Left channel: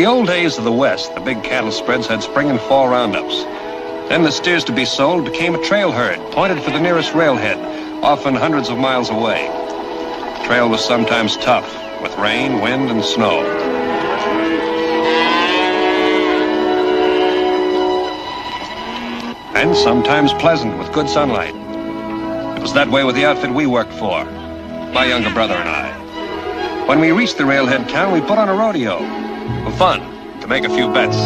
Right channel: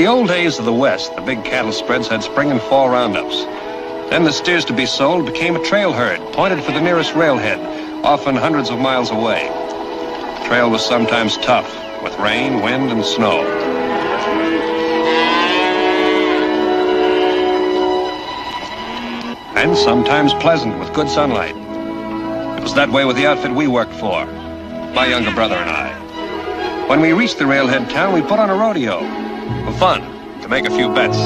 the old days of the West, the big cattle spreads had spring and fall roundups. Then the steers to be sold became a trail herd, pointed for the nearest railhead, often hundreds of miles away. The trail was sometimes tough, with rain, wind, and snow. And sometimes pleasant, with good sunlight. It was that way with the outfit we worked for, my younger brother and I. When we reached the railhead town, we put on a rodeo. For fun, to make a few bets.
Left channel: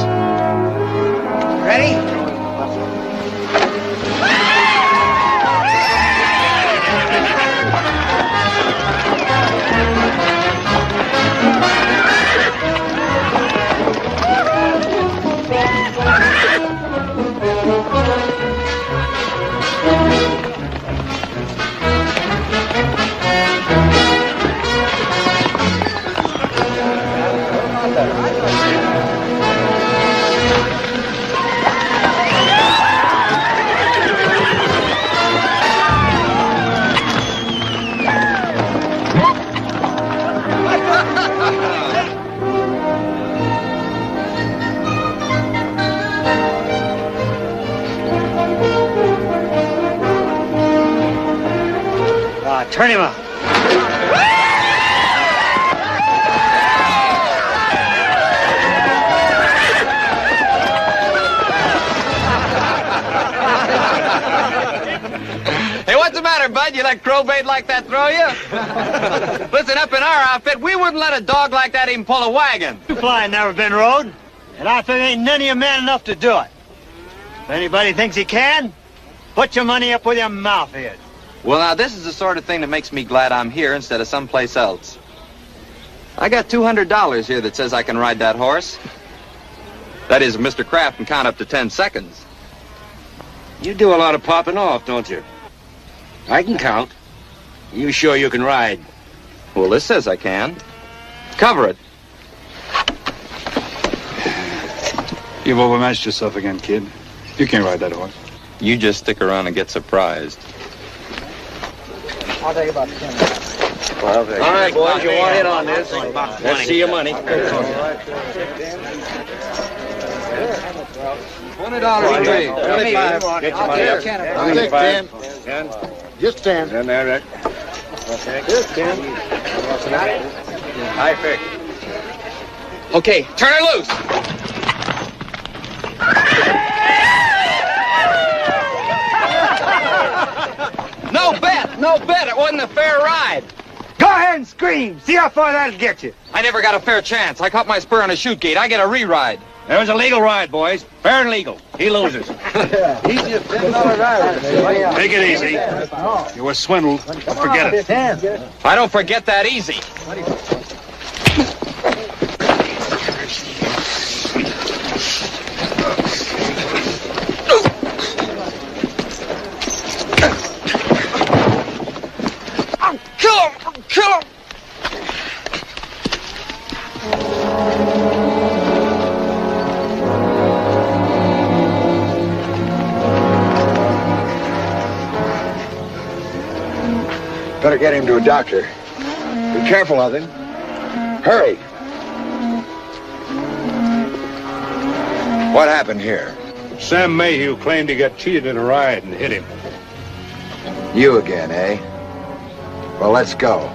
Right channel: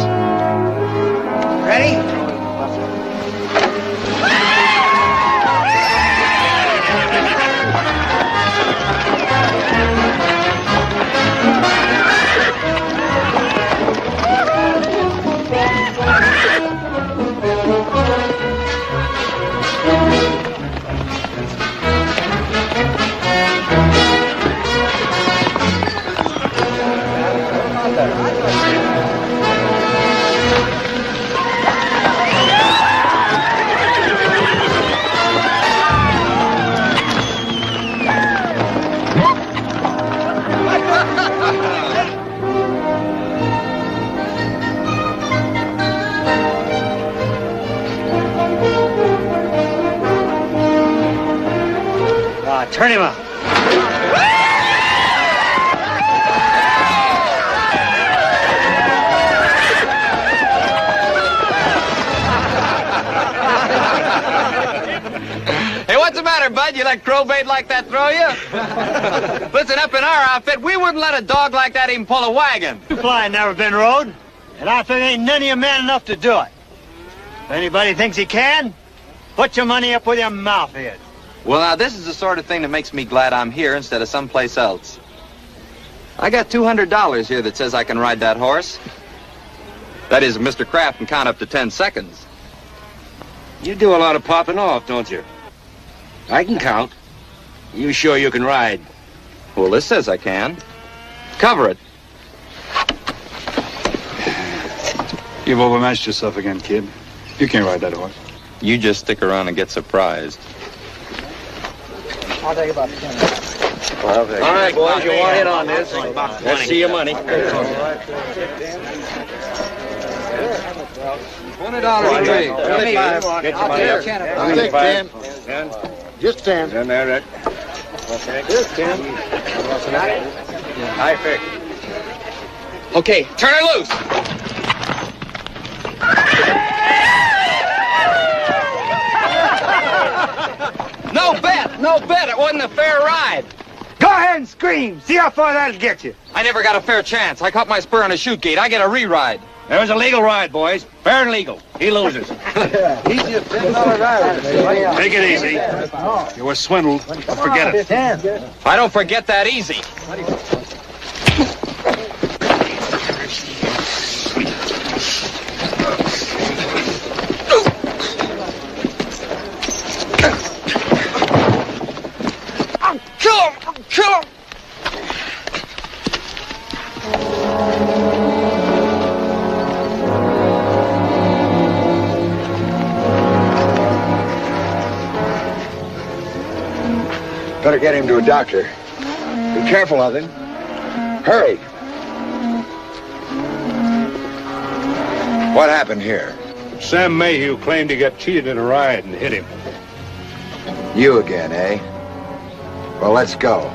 Ready? Turn him up. Hey, what's the matter, bud? You let crowbait like that throw you? Listen, up in our outfit, we wouldn't let a dog like that even pull a wagon. You boy never been rode, and I think ain't none of you man enough to do it. If anybody thinks he can, put your money up with your mouth in. Well, now, this is the sort of thing that makes me glad I'm here instead of someplace else. I got $200 here that says I can ride that horse. That is, Mr. Kraft can count up to 10 seconds. You do a lot of popping off, don't you? I can count. You sure you can ride? Well, this says I can. Cover it. You've overmatched yourself again, kid. You can't ride that horse. You just stick around and get surprised. I'll take about 10. All right, boys, you want in on this? Let's see your money. $20 each. 25. I'll take 10. 10. Just 10. Then there, okay. Just 10. I pick. Okay, turn her loose. No bet, no bet. It wasn't a fair ride. Go ahead and scream. See how far that'll get you. I never got a fair chance. I caught my spur on a chute gate. I get a re-ride. There's a legal ride, boys. Fair and legal. He loses. He's just $10 rider. Take it easy. You were swindled. Don't forget it. I don't forget that easy. Kill him! Better get him to a doctor. Be careful of him. Hurry. What happened here? Sam Mayhew claimed he got cheated in a ride and hit him. You again, eh? Well, let's go.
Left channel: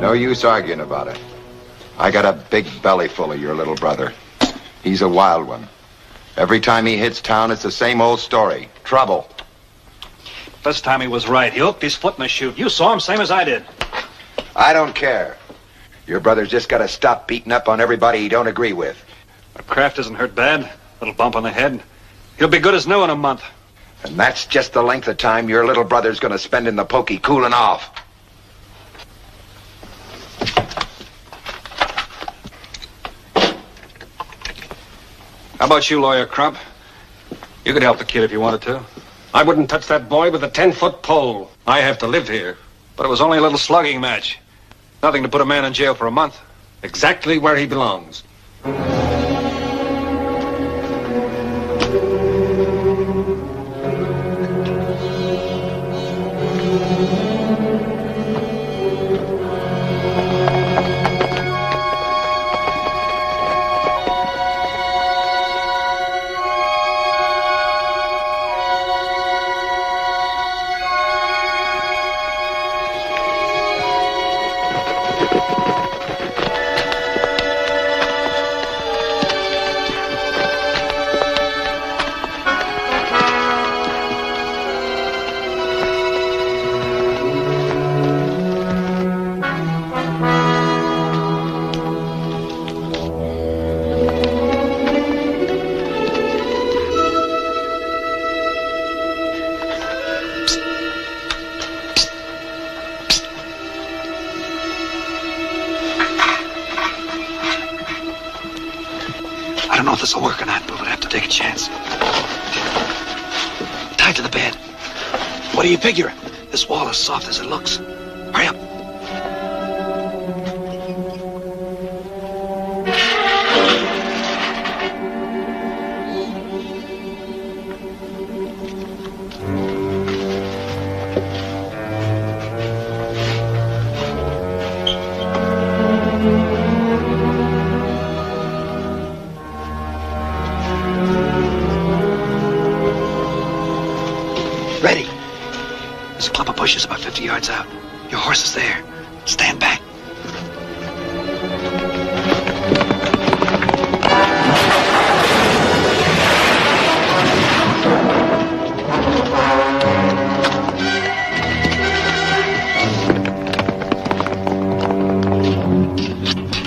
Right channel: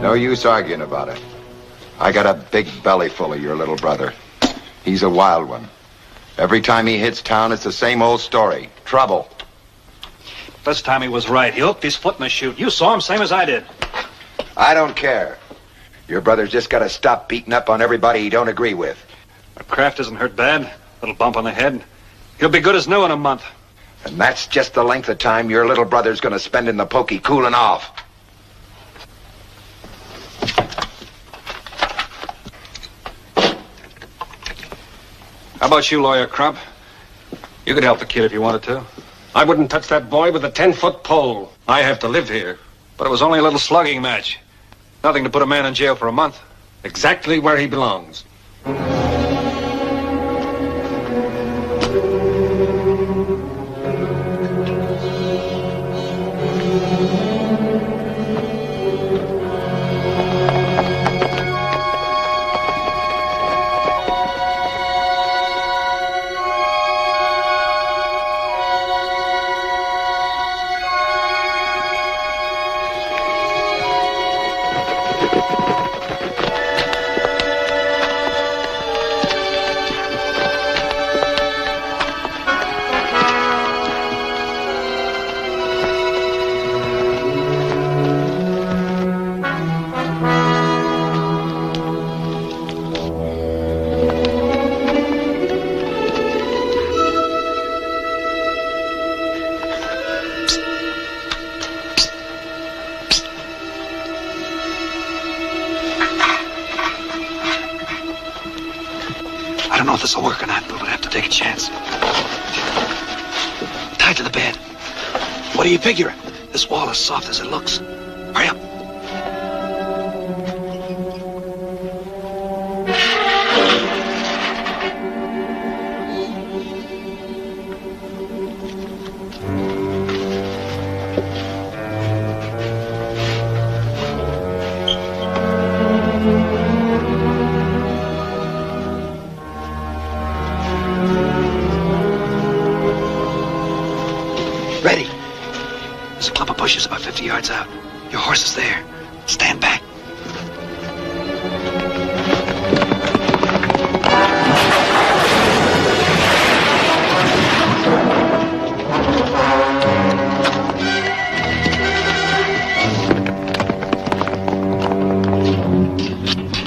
No use arguing about it. I got a big belly full of your little brother. He's a wild one. Every time he hits town, it's the same old story. Trouble. First time he was right. He hooked his foot in the chute. You saw him, same as I did. I don't care. Your brother's just got to stop beating up on everybody he don't agree with. But Kraft isn't hurt bad. Little bump on the head. He'll be good as new in a month. And that's just the length of time your little brother's going to spend in the pokey cooling off. How about you, Lawyer Crump? You could help the kid if you wanted to. I wouldn't touch that boy with a 10-foot pole. I have to live here. But it was only a little slugging match. Nothing to put a man in jail for a month. Exactly where he belongs. I don't know if this will work or not, but we'll have to take a chance. Tied to the bed. What do you figure? This wall is soft as it looks. Hurry up. Ready. There's a clump of bushes about 50 yards out. Your horse is there. Stand back.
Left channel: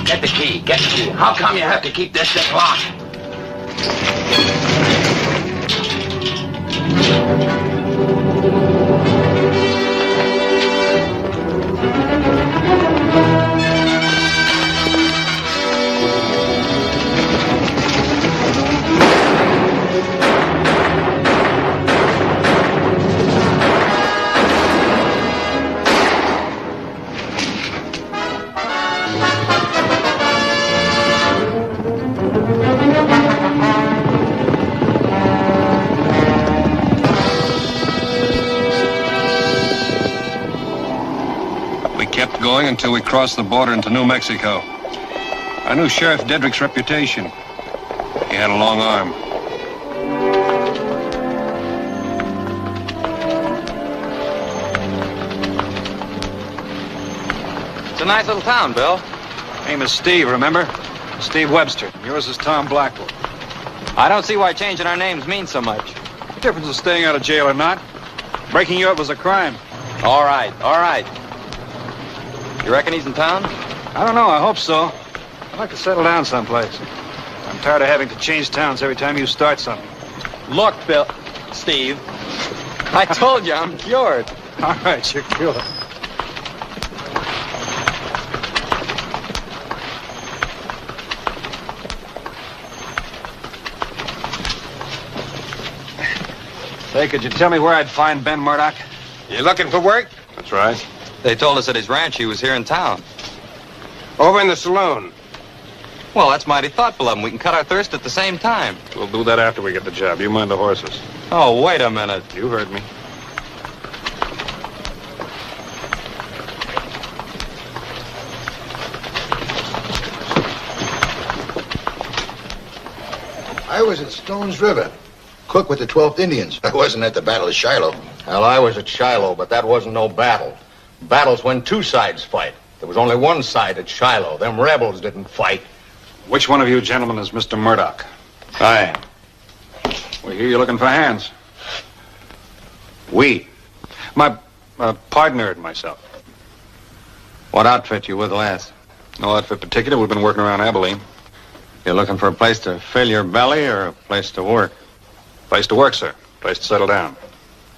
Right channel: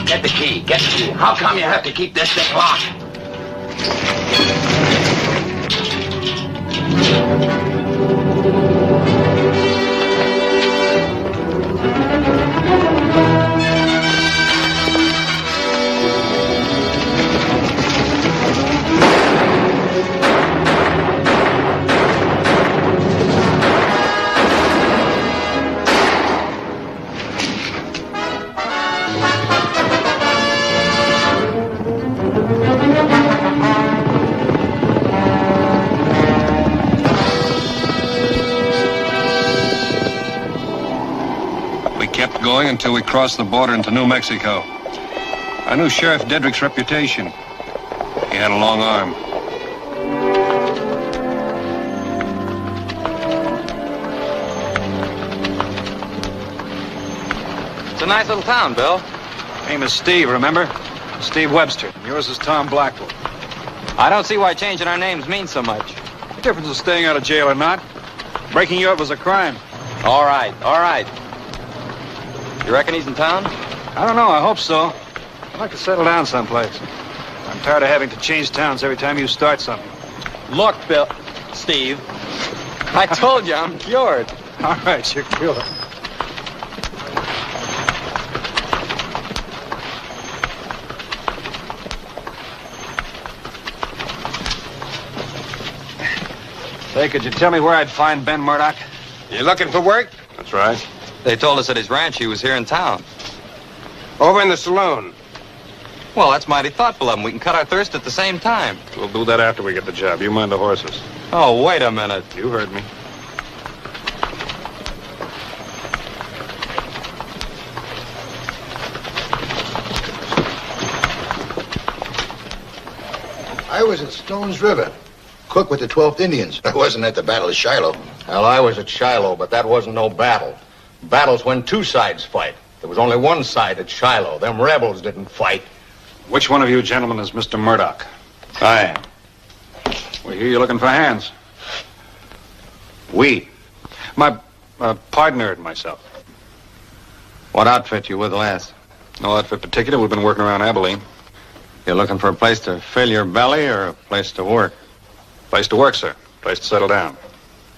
Get the key. Get the key. How come you have to keep this thing locked? Going until we crossed the border into New Mexico. I knew Sheriff Dedrick's reputation. He had a long arm. It's a nice little town, Bill. Name is Steve, remember? Steve Webster. Yours is Tom Blackwood. I don't see why changing our names means so much. The difference is staying out of jail or not. Breaking you up was a crime. All right, all right. You reckon he's in town? I don't know, I hope so. I'd like to settle down someplace. I'm tired of having to change towns every time you start something. Look, Bill. Steve. I told you I'm cured. All right, you're cured. Say, could you tell me where I'd find Ben Murdoch? You looking for work? That's right. They told us at his ranch he was here in town. Over in the saloon. Well, that's mighty thoughtful of him. We can cut our thirst at the same time. We'll do that after we get the job. You mind the horses. Oh, wait a minute. You heard me. I was at Stone's River, cook with the 12th Indians. I wasn't at the Battle of Shiloh. Well, I was at Shiloh, but that wasn't no battle. Battle's when two sides fight. There was only one side at Shiloh. Them rebels didn't fight. Which one of you gentlemen is Mr. Murdoch? Aye. We hear you're looking for hands. We. My partner and myself. What outfit you with last? No outfit particular. We've been working around Abilene. You looking for a place to fill your belly or a place to work? Place to work, sir. Place to settle down.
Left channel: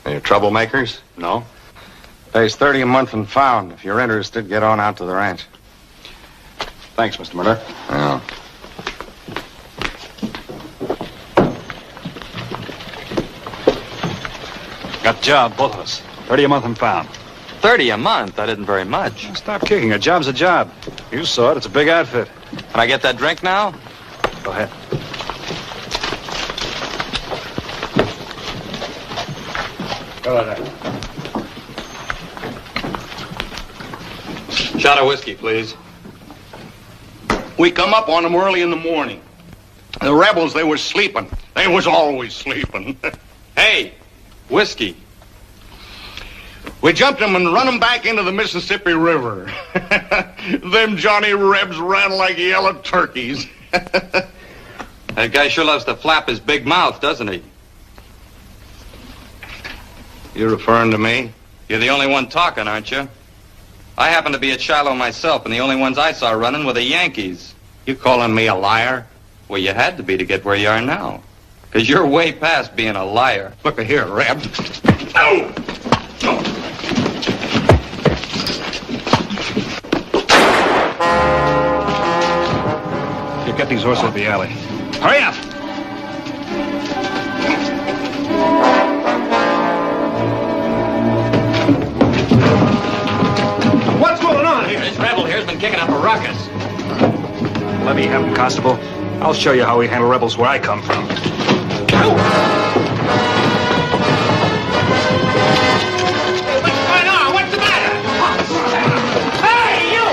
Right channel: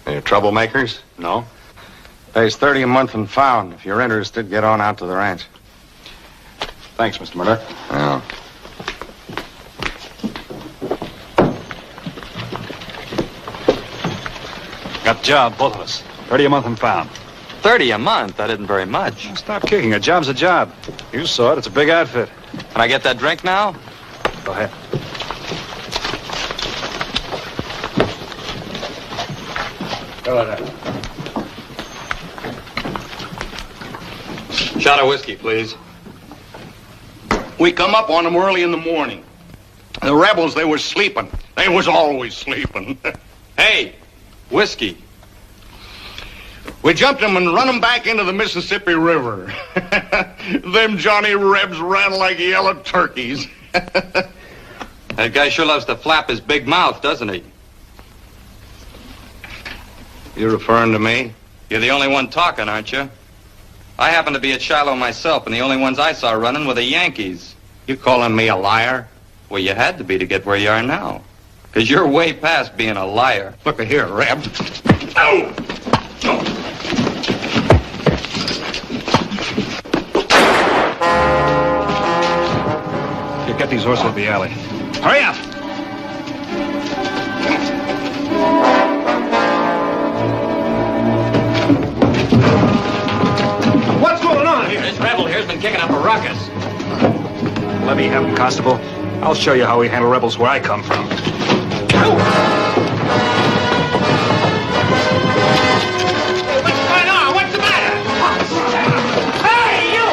You troublemakers? No? Pays 30 a month and found. If you're interested, get on out to the ranch. Thanks, Mr. Murdoch. Yeah. Got a job, both of us. 30 a month and pound. 30 a month? That isn't very much. Stop kicking. A job's a job. You saw it. It's a big outfit. Can I get that drink now? Go ahead. Go ahead. Shot of whiskey, please. We come up on them early in the morning. The rebels, they was sleeping. They was always sleeping. Hey, whiskey. We jumped them and run them back into the Mississippi River. Them Johnny Rebs ran like yellow turkeys. That guy sure loves to flap his big mouth, doesn't he? You referring to me? You're the only one talking, aren't you? I happen to be at Shiloh myself, and the only ones I saw running were the Yankees. You calling me a liar? Well, you had to be to get where you are now. Because you're way past being a liar. Look here, Reb. Oh! You get these horses in the alley. Hurry up! What's going on here? This rebel here's been kicking up a ruckus. Let me have him, Constable. I'll show you how we handle rebels where I come from. What's going on? What's the matter? Hey, you!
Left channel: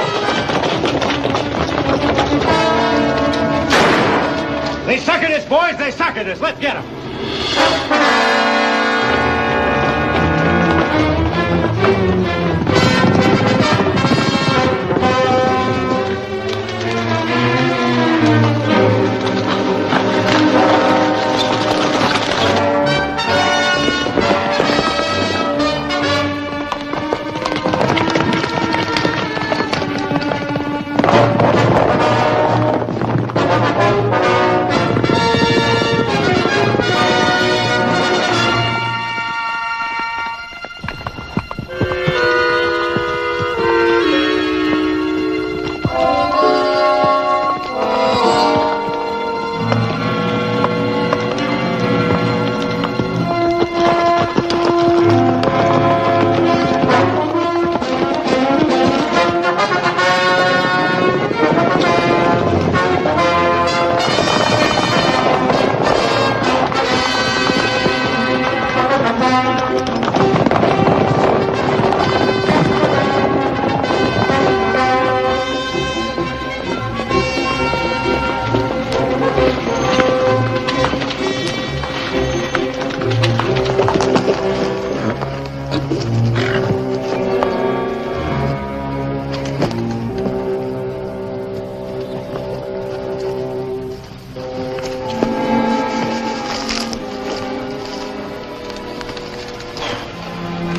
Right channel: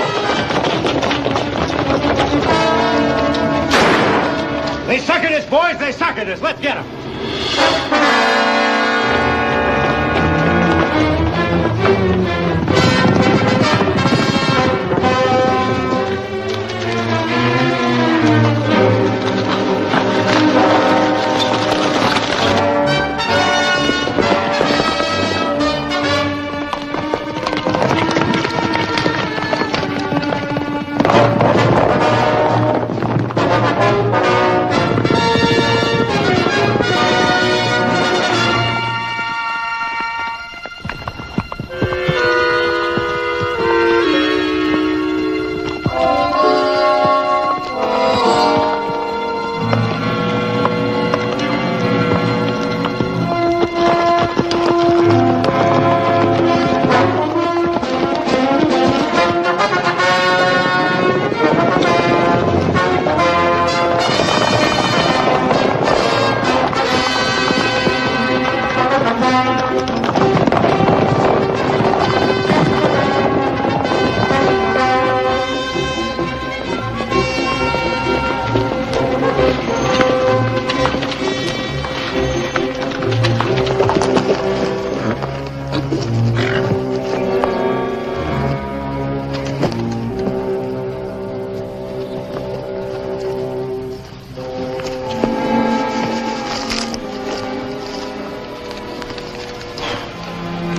They suckered us, boys. They suckered us. Let's get them.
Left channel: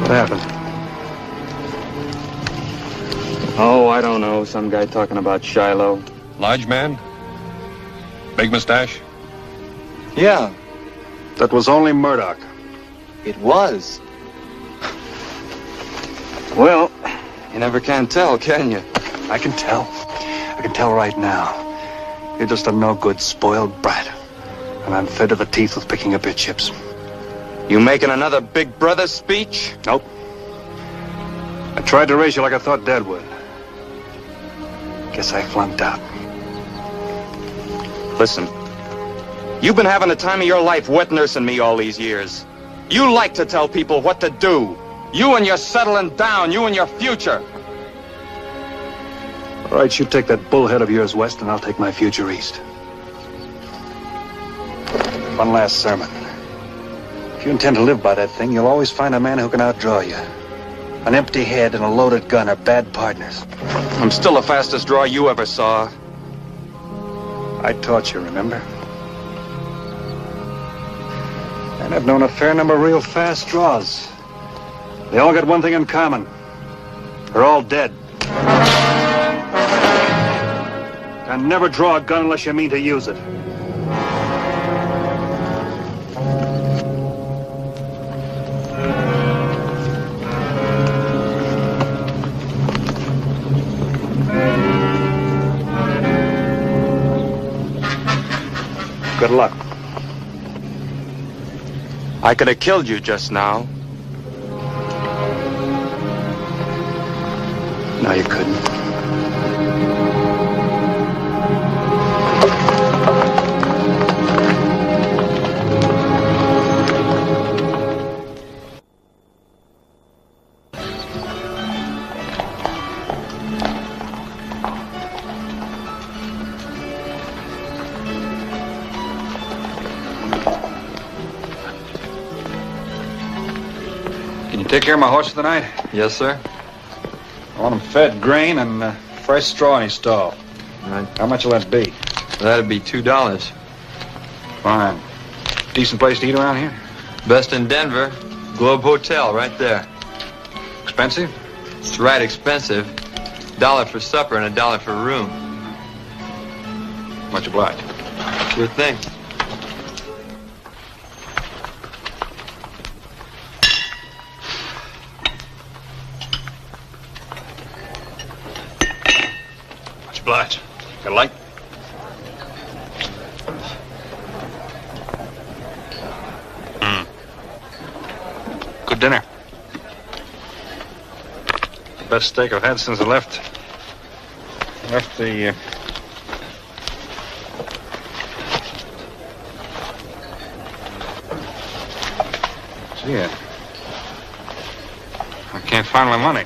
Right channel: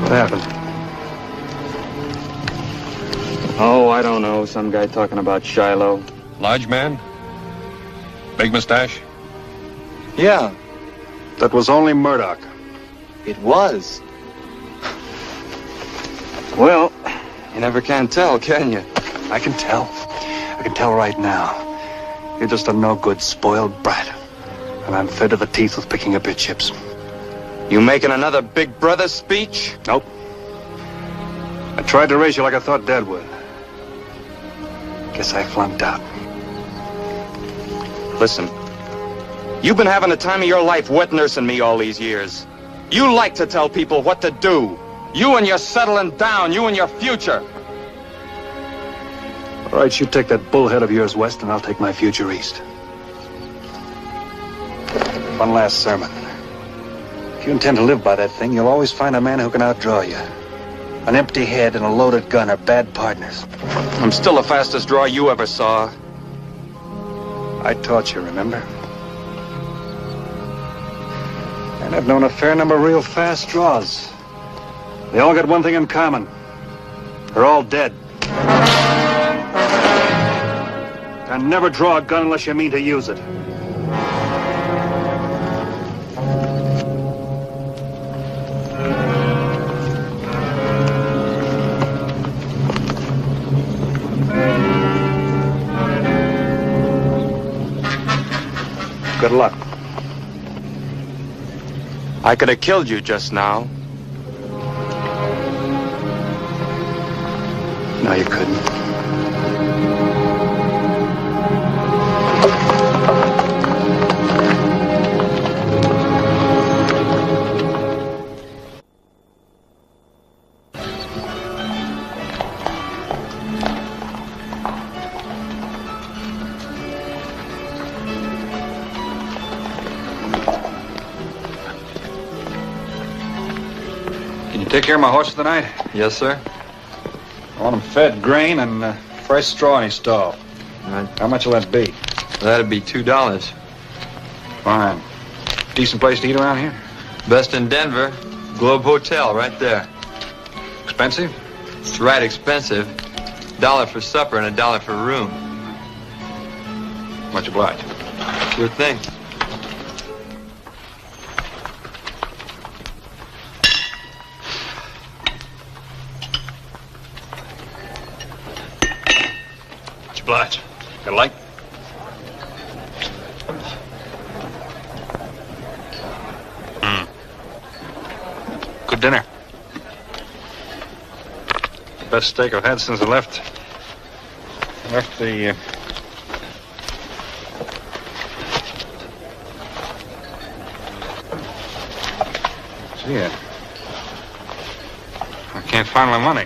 What happened? Oh, I don't know. Some guy talking about Shiloh. Large man? Big mustache? Yeah, That was only Murdoch. it was. Well, You never can tell, can you? I can tell. I can tell right now. You're just a no-good, spoiled brat. And I'm fed to the teeth with picking up your chips. You making another big brother speech? Nope. I tried to raise you like I thought Dad would. Guess I flunked out. Listen, you've been having the time of your life wet nursing me all these years. You like to tell people what to do. You and your settling down, you and your future. All right, you take that bullhead of yours west, and I'll take my future east. One last sermon. If you intend to live by that thing, you'll always find a man who can outdraw you. An empty head and a loaded gun are bad partners. I'm still the fastest draw you ever saw. I taught you, remember? And I've known a fair number of real fast draws. They all got one thing in common. They're all dead. And never draw a gun unless you mean to use it. Good luck. I could have killed you just now. No, you couldn't. Take care of my horse tonight? Yes, sir. I want him fed grain and fresh straw in his stall. Right. How much will that be? That'd be $2. Fine. Decent place to eat around here? Best in Denver. Globe Hotel, right there. Expensive? It's right expensive. $1 for supper and $1 for room. Much obliged. Sure thing. Obliged. Got a light? Good dinner. Best steak I've had since I left the... See, I can't find my money.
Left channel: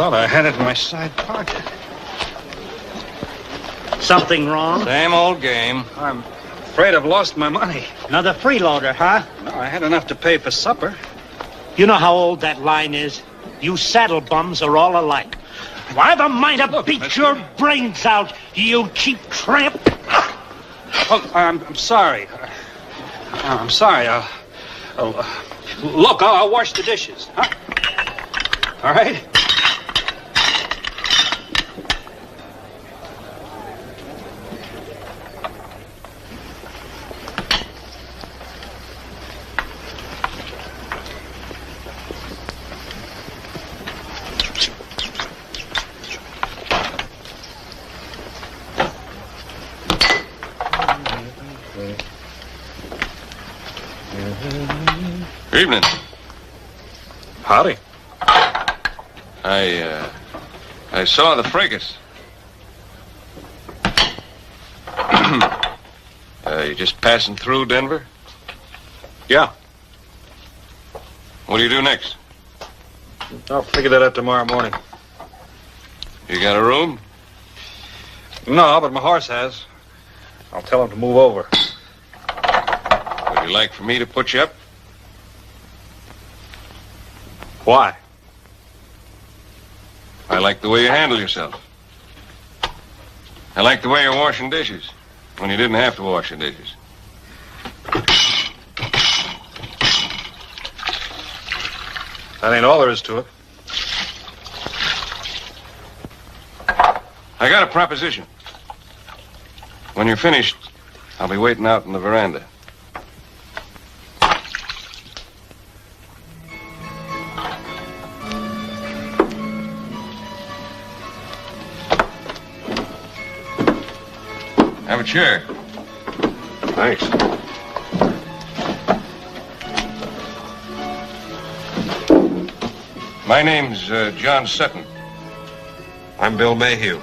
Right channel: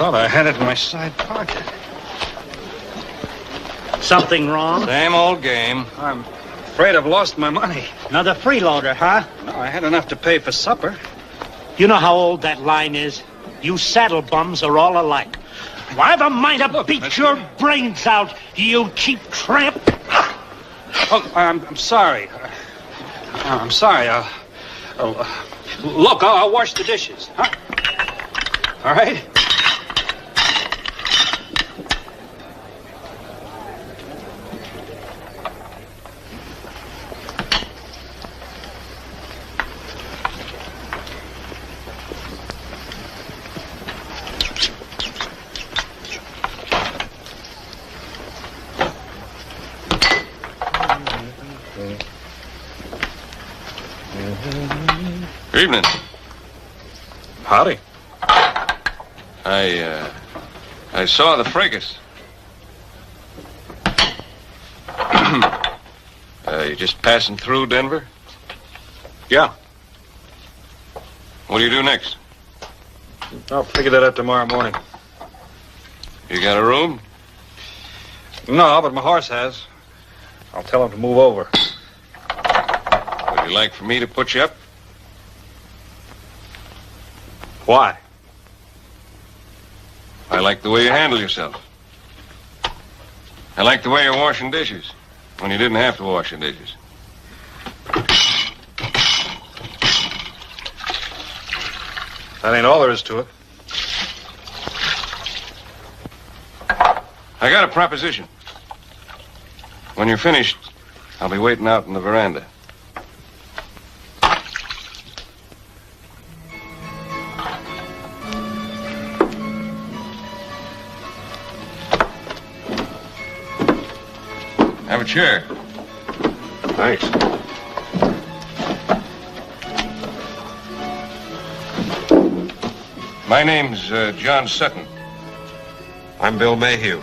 Thought I had it in my side pocket. Something wrong? Same old game. I'm afraid I've lost my money. Another freeloader, huh? No, I had enough to pay for supper. You know how old that line is? You saddle bums are all alike. Why the might have beat your brains out, you cheap tramp? Look, I'm sorry. I'm sorry. Look, I'll wash the dishes. Huh? All right? Evening. Howdy. I saw the fracas. You just passing through Denver? Yeah. What do you do next? I'll figure that out tomorrow morning. You got a room? No, but my horse has. I'll tell him to move over. Would you like for me to put you up? Why? I like the way you handle yourself. I like the way you're washing dishes when you didn't have to wash the dishes. That ain't all there is to it. I got a proposition. When you're finished, I'll be waiting out in the veranda. Have a chair. Thanks. My name's John Sutton. I'm Bill Mayhew.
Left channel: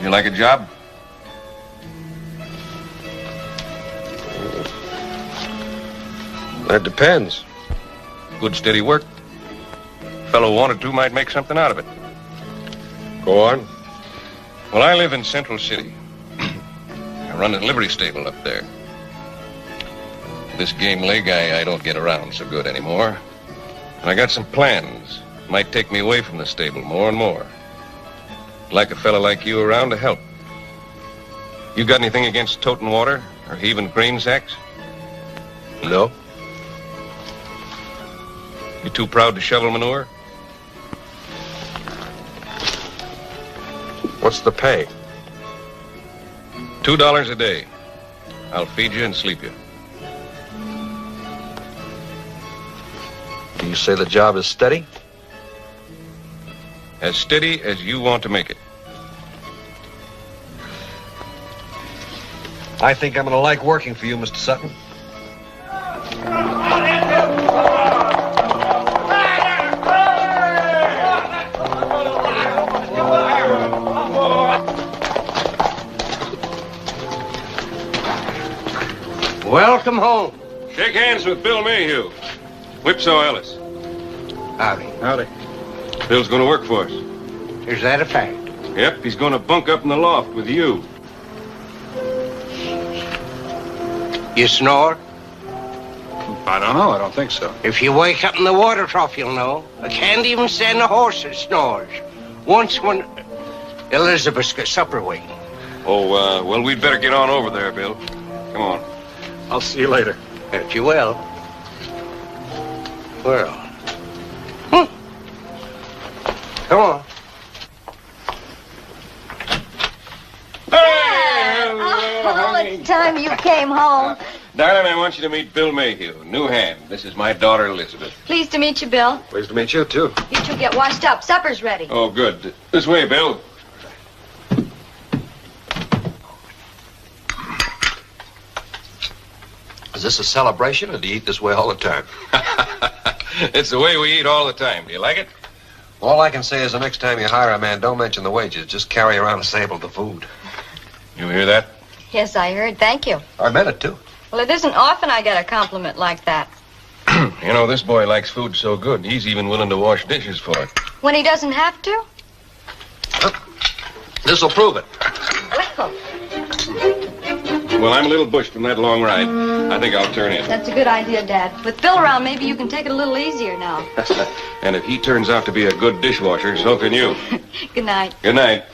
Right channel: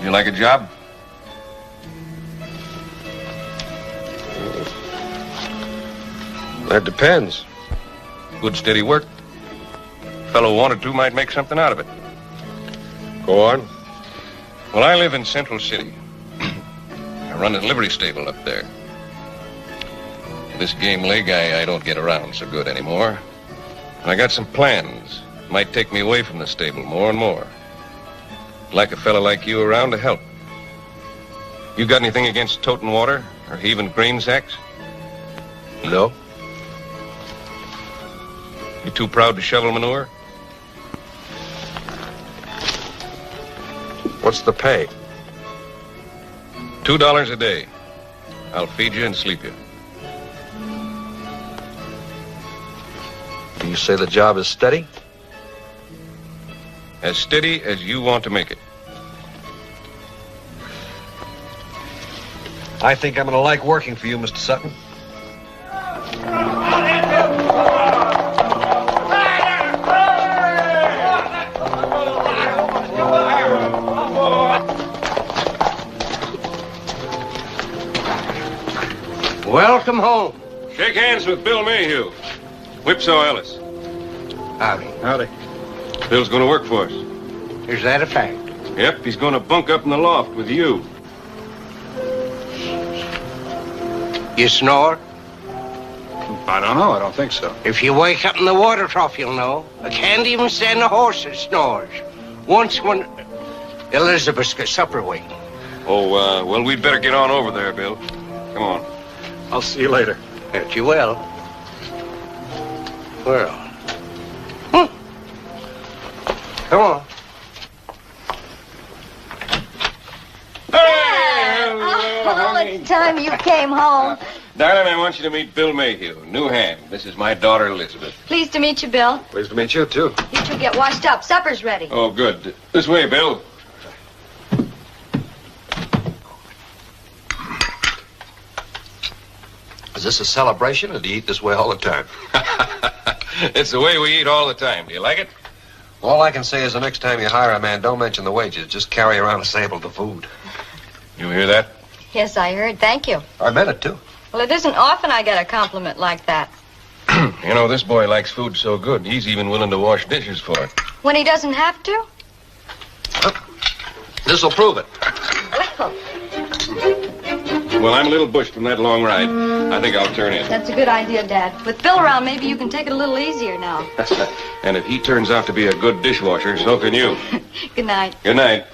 You like a job? That depends. Good steady work. Fellow wanted to might make something out of it. Go on. Well, I live in Central City. I run a livery stable up there. This game leg I don't get around so good anymore. And I got some plans. Might take me away from the stable more and more. Like a fella like you around to help. You got anything against toting water or heaving grain sacks? No. You too proud to shovel manure? What's the pay? $2 a day. I'll feed you and sleep you. You say the job is steady? As steady as you want to make it. I think I'm going to like working for you, Mr. Sutton. Welcome home. Shake hands with Bill Mayhew. Whipsaw Ellis. Howdy. Howdy. Bill's going to work for us. Is that a fact? Yep, he's going to bunk up in the loft with you. You snore? I don't know. I don't think so. If you wake up in the water trough, you'll know. I can't even stand a horse that snores. Once when Elizabeth's got supper waiting. Oh, well, we'd better get on over there, Bill. Come on. I'll see you later. If you will. Well. Come on. Oh, it's time you came home. Darling, I want you to meet Bill Mayhew, new hand. This is my daughter, Elizabeth. Pleased to meet you, Bill. Pleased to meet you, too. You two get washed up. Supper's ready. Oh, good. This way, Bill. Is this a celebration, or do you eat this way all the time? It's the way we eat all the time. Do you like it? All I can say is the next time you hire a man, don't mention the wages. Just carry around a sample of the food. You hear that? Yes, I heard. Thank you. I meant it, too. Well, it isn't often I get a compliment like that. You know, this boy likes food so good, he's even willing to wash dishes for it. When he doesn't have to? This'll prove it. Well, I'm a little bushed from that long ride. I think I'll turn in. That's a good idea, Dad. With Bill around, maybe you can take it a little easier now. And if he turns out to be a good dishwasher, so can you. Good night. Good night.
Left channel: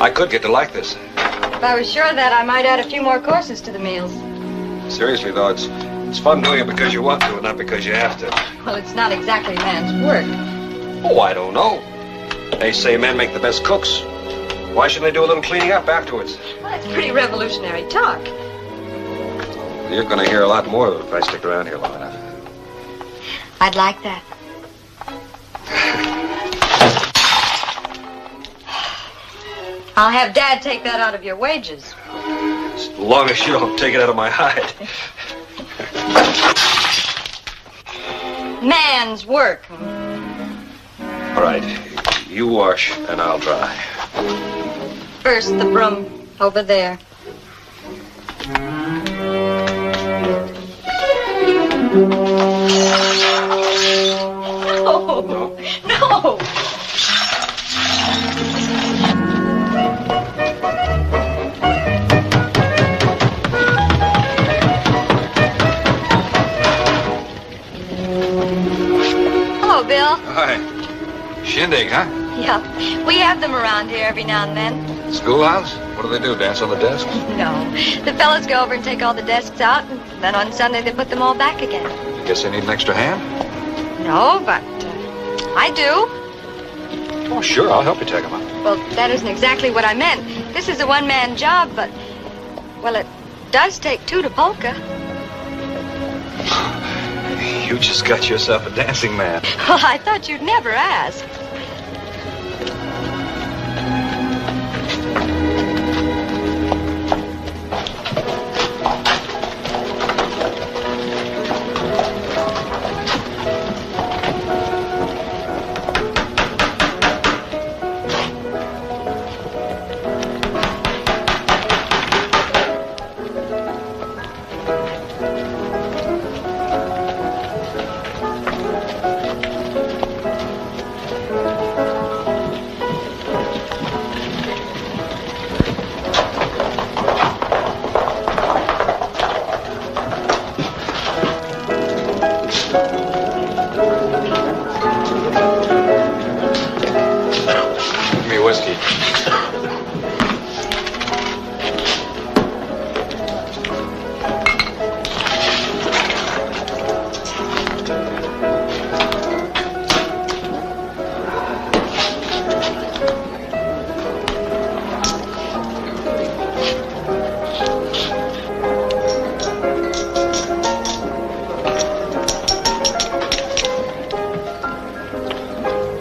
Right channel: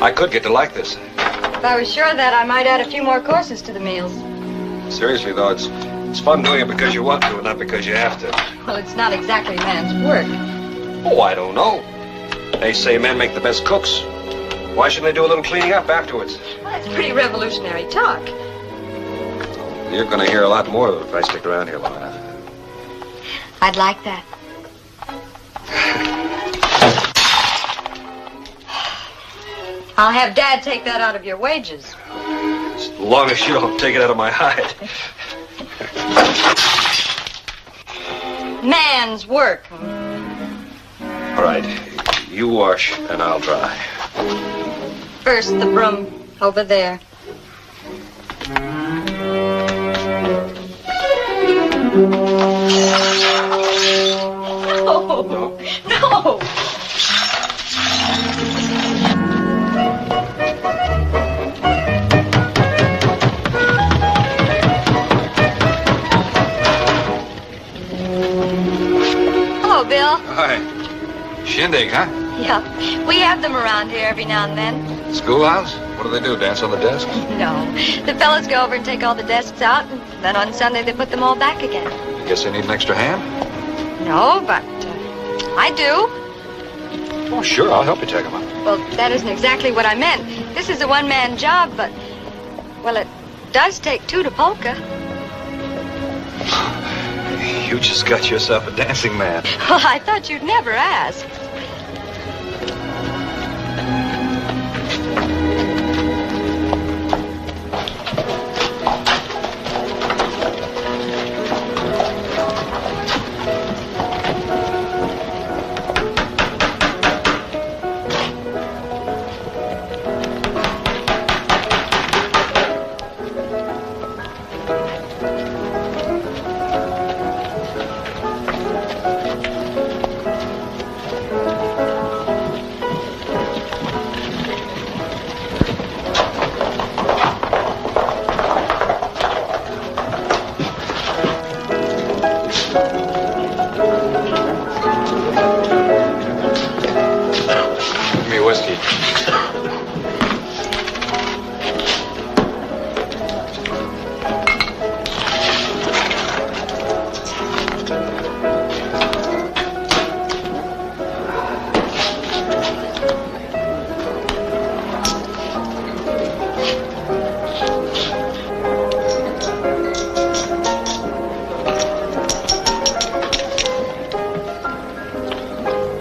I could get to like this. If I was sure of that, I might add a few more courses to the meals. Seriously, though, it's fun doing it because you want to and not because you have to. Well, it's not exactly man's work. Oh, I don't know. They say men make the best cooks. Why shouldn't they do a little cleaning up afterwards? Well, that's pretty revolutionary talk. You're going to hear a lot more of it if I stick around here long enough. I'd like that. I'll have Dad take that out of your wages. As long as you'll take it out of my hide. Man's work. All right, you wash and I'll dry. First, the broom over there. Oh, no. Hello, Bill. Hi. Shindig, huh? Yeah, we have them around here every now and then. Schoolhouse? What do they do, dance on the desk? No, the fellas go over and take all the desks out, and then on Sunday they put them all back again. Guess they need an extra hand? No, but I do. Oh, sure, I'll help you take them out. Well, that isn't exactly what I meant. This is a one-man job, but, well, it does take two to polka. You just got yourself a dancing man. Well, I thought you'd never ask.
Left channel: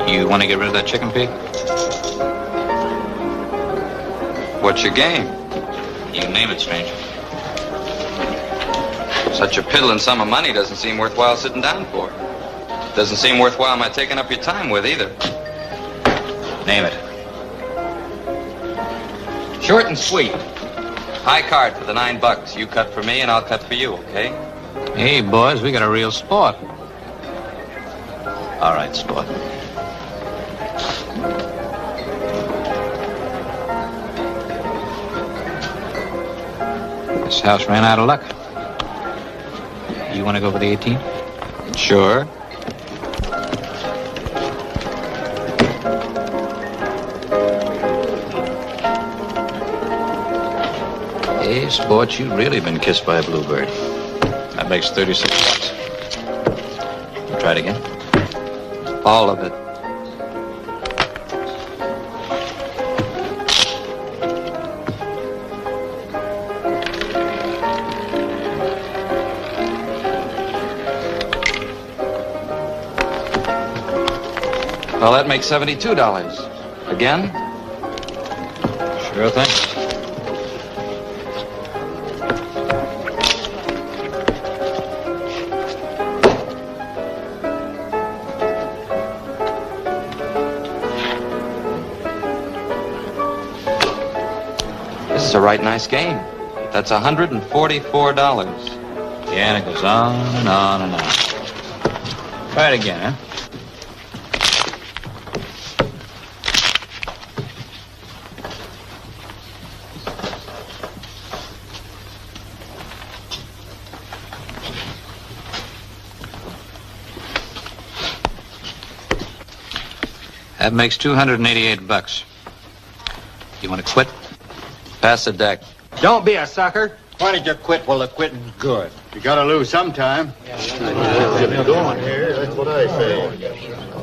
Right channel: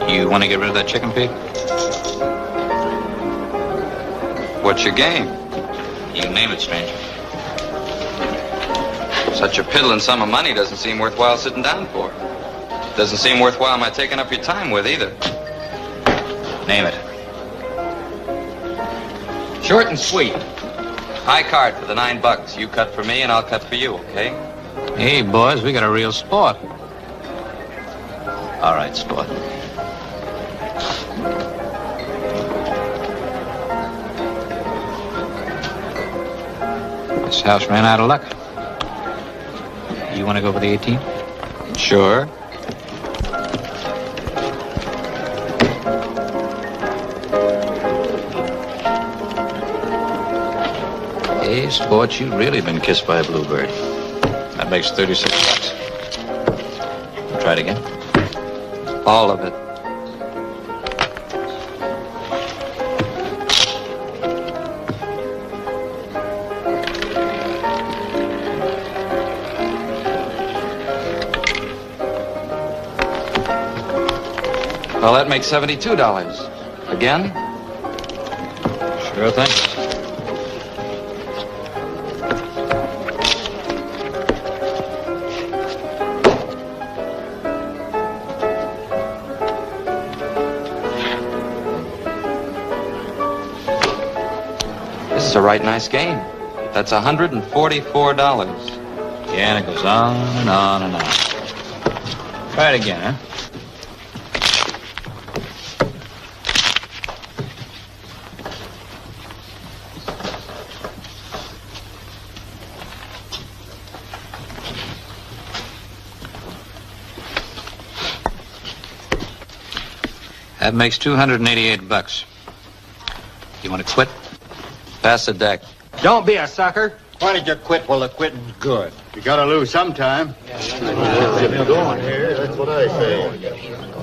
You want to get rid of that chicken pig? What's your game? You name it, stranger. Such a piddling sum of money doesn't seem worthwhile sitting down for. Doesn't seem worthwhile my taking up your time with either. Name it. Short and sweet. High card for the $9. You cut for me and I'll cut for you, okay? Hey, boys, we got a real sport. All right, sport. This house ran out of luck. You want to go for the 18? Sure. Hey, sport, you've really been kissed by a bluebird. That makes $36. Try it again. All of it. Well, that makes $72. Again? Sure thing. This is a right nice game. That's $144. Yeah, and it goes on and on and on. Try it again, huh? That makes $288. You want to quit? Pass the deck. Don't be a sucker. Why don't you quit while the quitting's good? You gotta lose sometime. That's what I say.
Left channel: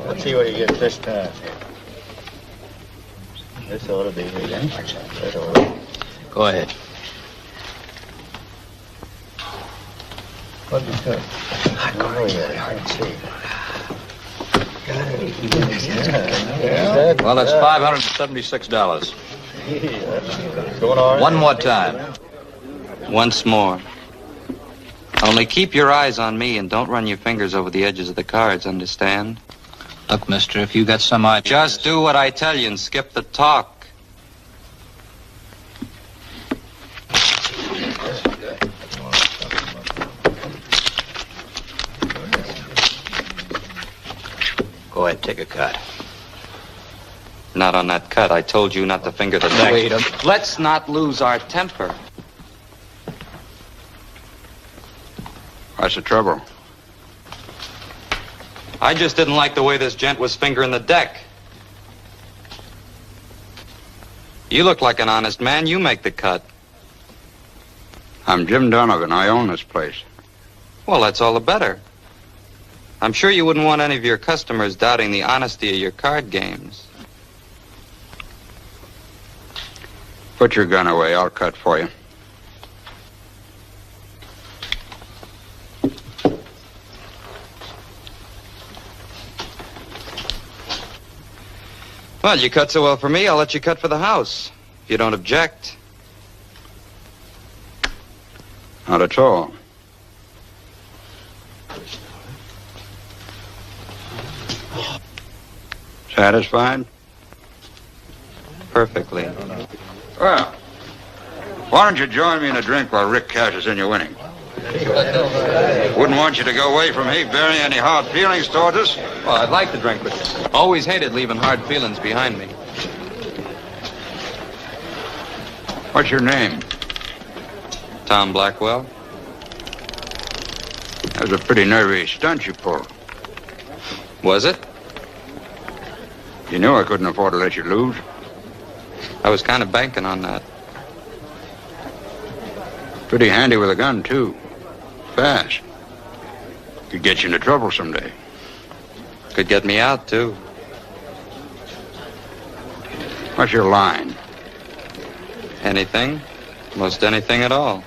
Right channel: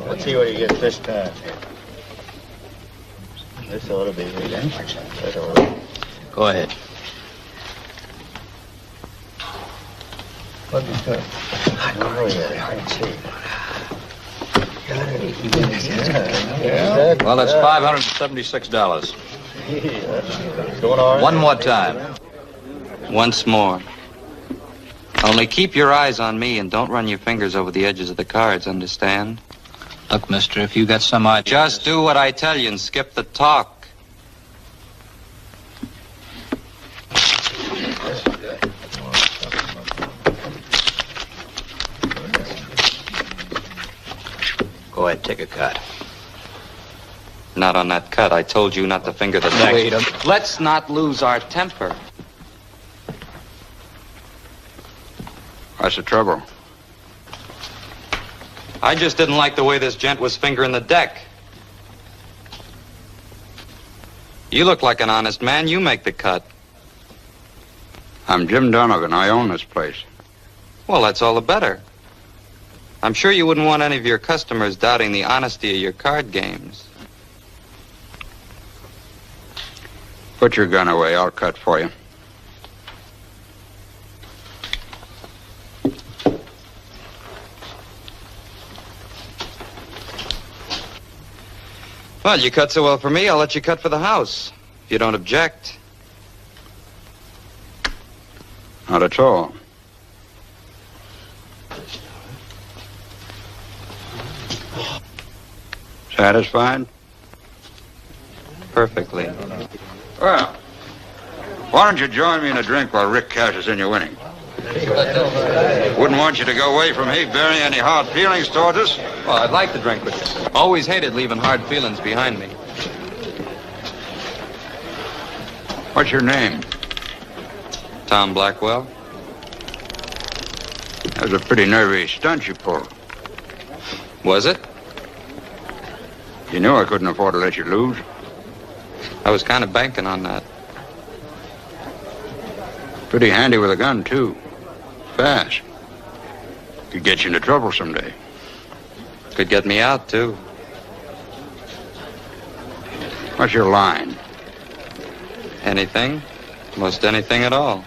Let's see what he gets this time. This ought to be good, eh? Go ahead. Well, Well, that's $576. One more time. Once more. Only keep your eyes on me and don't run your fingers over the edges of the cards, understand? Look, mister, if you got some idea... Just do what I tell you and skip the talk. Go ahead, take a cut. Not on that cut. I told you not to finger the deck. Let's not lose our temper. What's the trouble? I just didn't like the way this gent was fingering the deck. You look like an honest man. You make the cut. I'm Jim Donovan. I own this place. Well, that's all the better. I'm sure you wouldn't want any of your customers doubting the honesty of your card games. Put your gun away. I'll cut for you. Well, you cut so well for me, I'll let you cut for the house, if you don't object. Not at all. Satisfied? Perfectly. Well, why don't you join me in a drink while Rick cashes in your winning? Wouldn't want you to go away from me bearing any hard feelings towards us. Well, I'd like to drink with you. Always hated leaving hard feelings behind me. What's your name? Tom Blackwell. That was a pretty nervy stunt you pulled. Was it? You knew I couldn't afford to let you lose. I was kind of banking on that. Pretty handy with a gun, too. Fast. Could get you into trouble someday. Could get me out, too. What's your line? Anything. Most anything at all.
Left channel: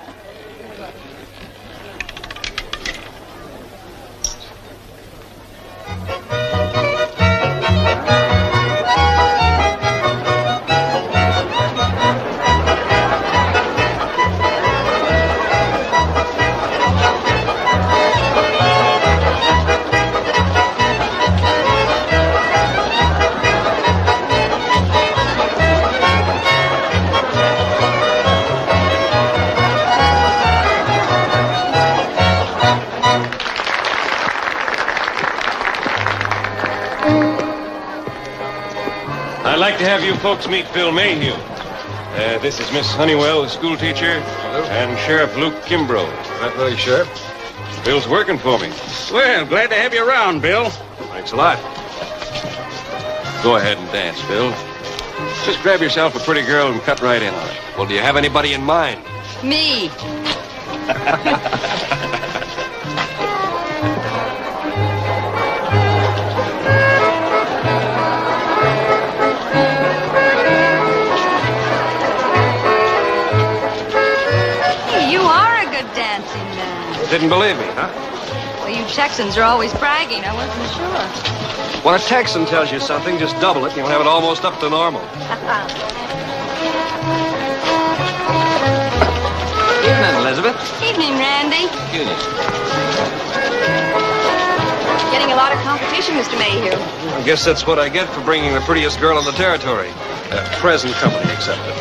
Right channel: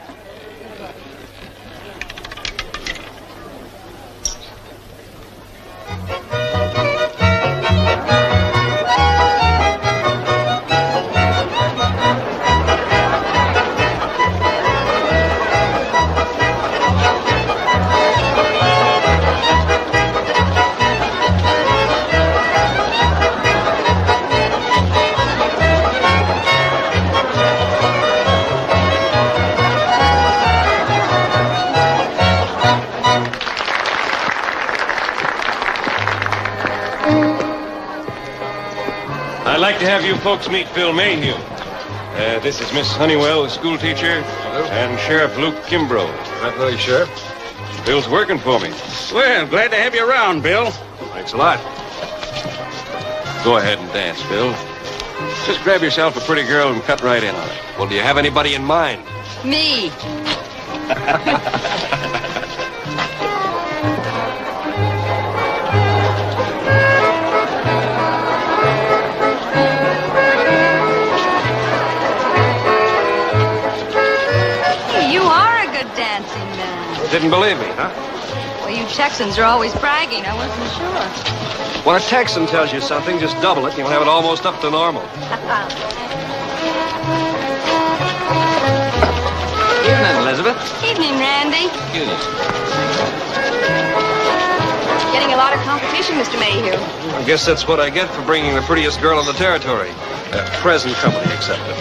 I'd like to have you folks meet Bill Mayhew. This is Miss Honeywell, the school teacher, and Sheriff Luke Kimbrough. Right away, Sheriff. Bill's working for me. Well, glad to have you around, Bill. Thanks a lot. Go ahead and dance, Bill. Just grab yourself a pretty girl and cut right in. Well, do you have anybody in mind? Me. You are a good dancing man. Didn't believe me, huh? Well, you Texans are always bragging. I wasn't sure. Well, a Texan tells you something, just double it, and you'll have it almost up to normal. Evening, Elizabeth. Evening, Randy. Getting a lot of competition, Mr. Mayhew. I guess that's what I get for bringing the prettiest girl in the territory. Present company accepted.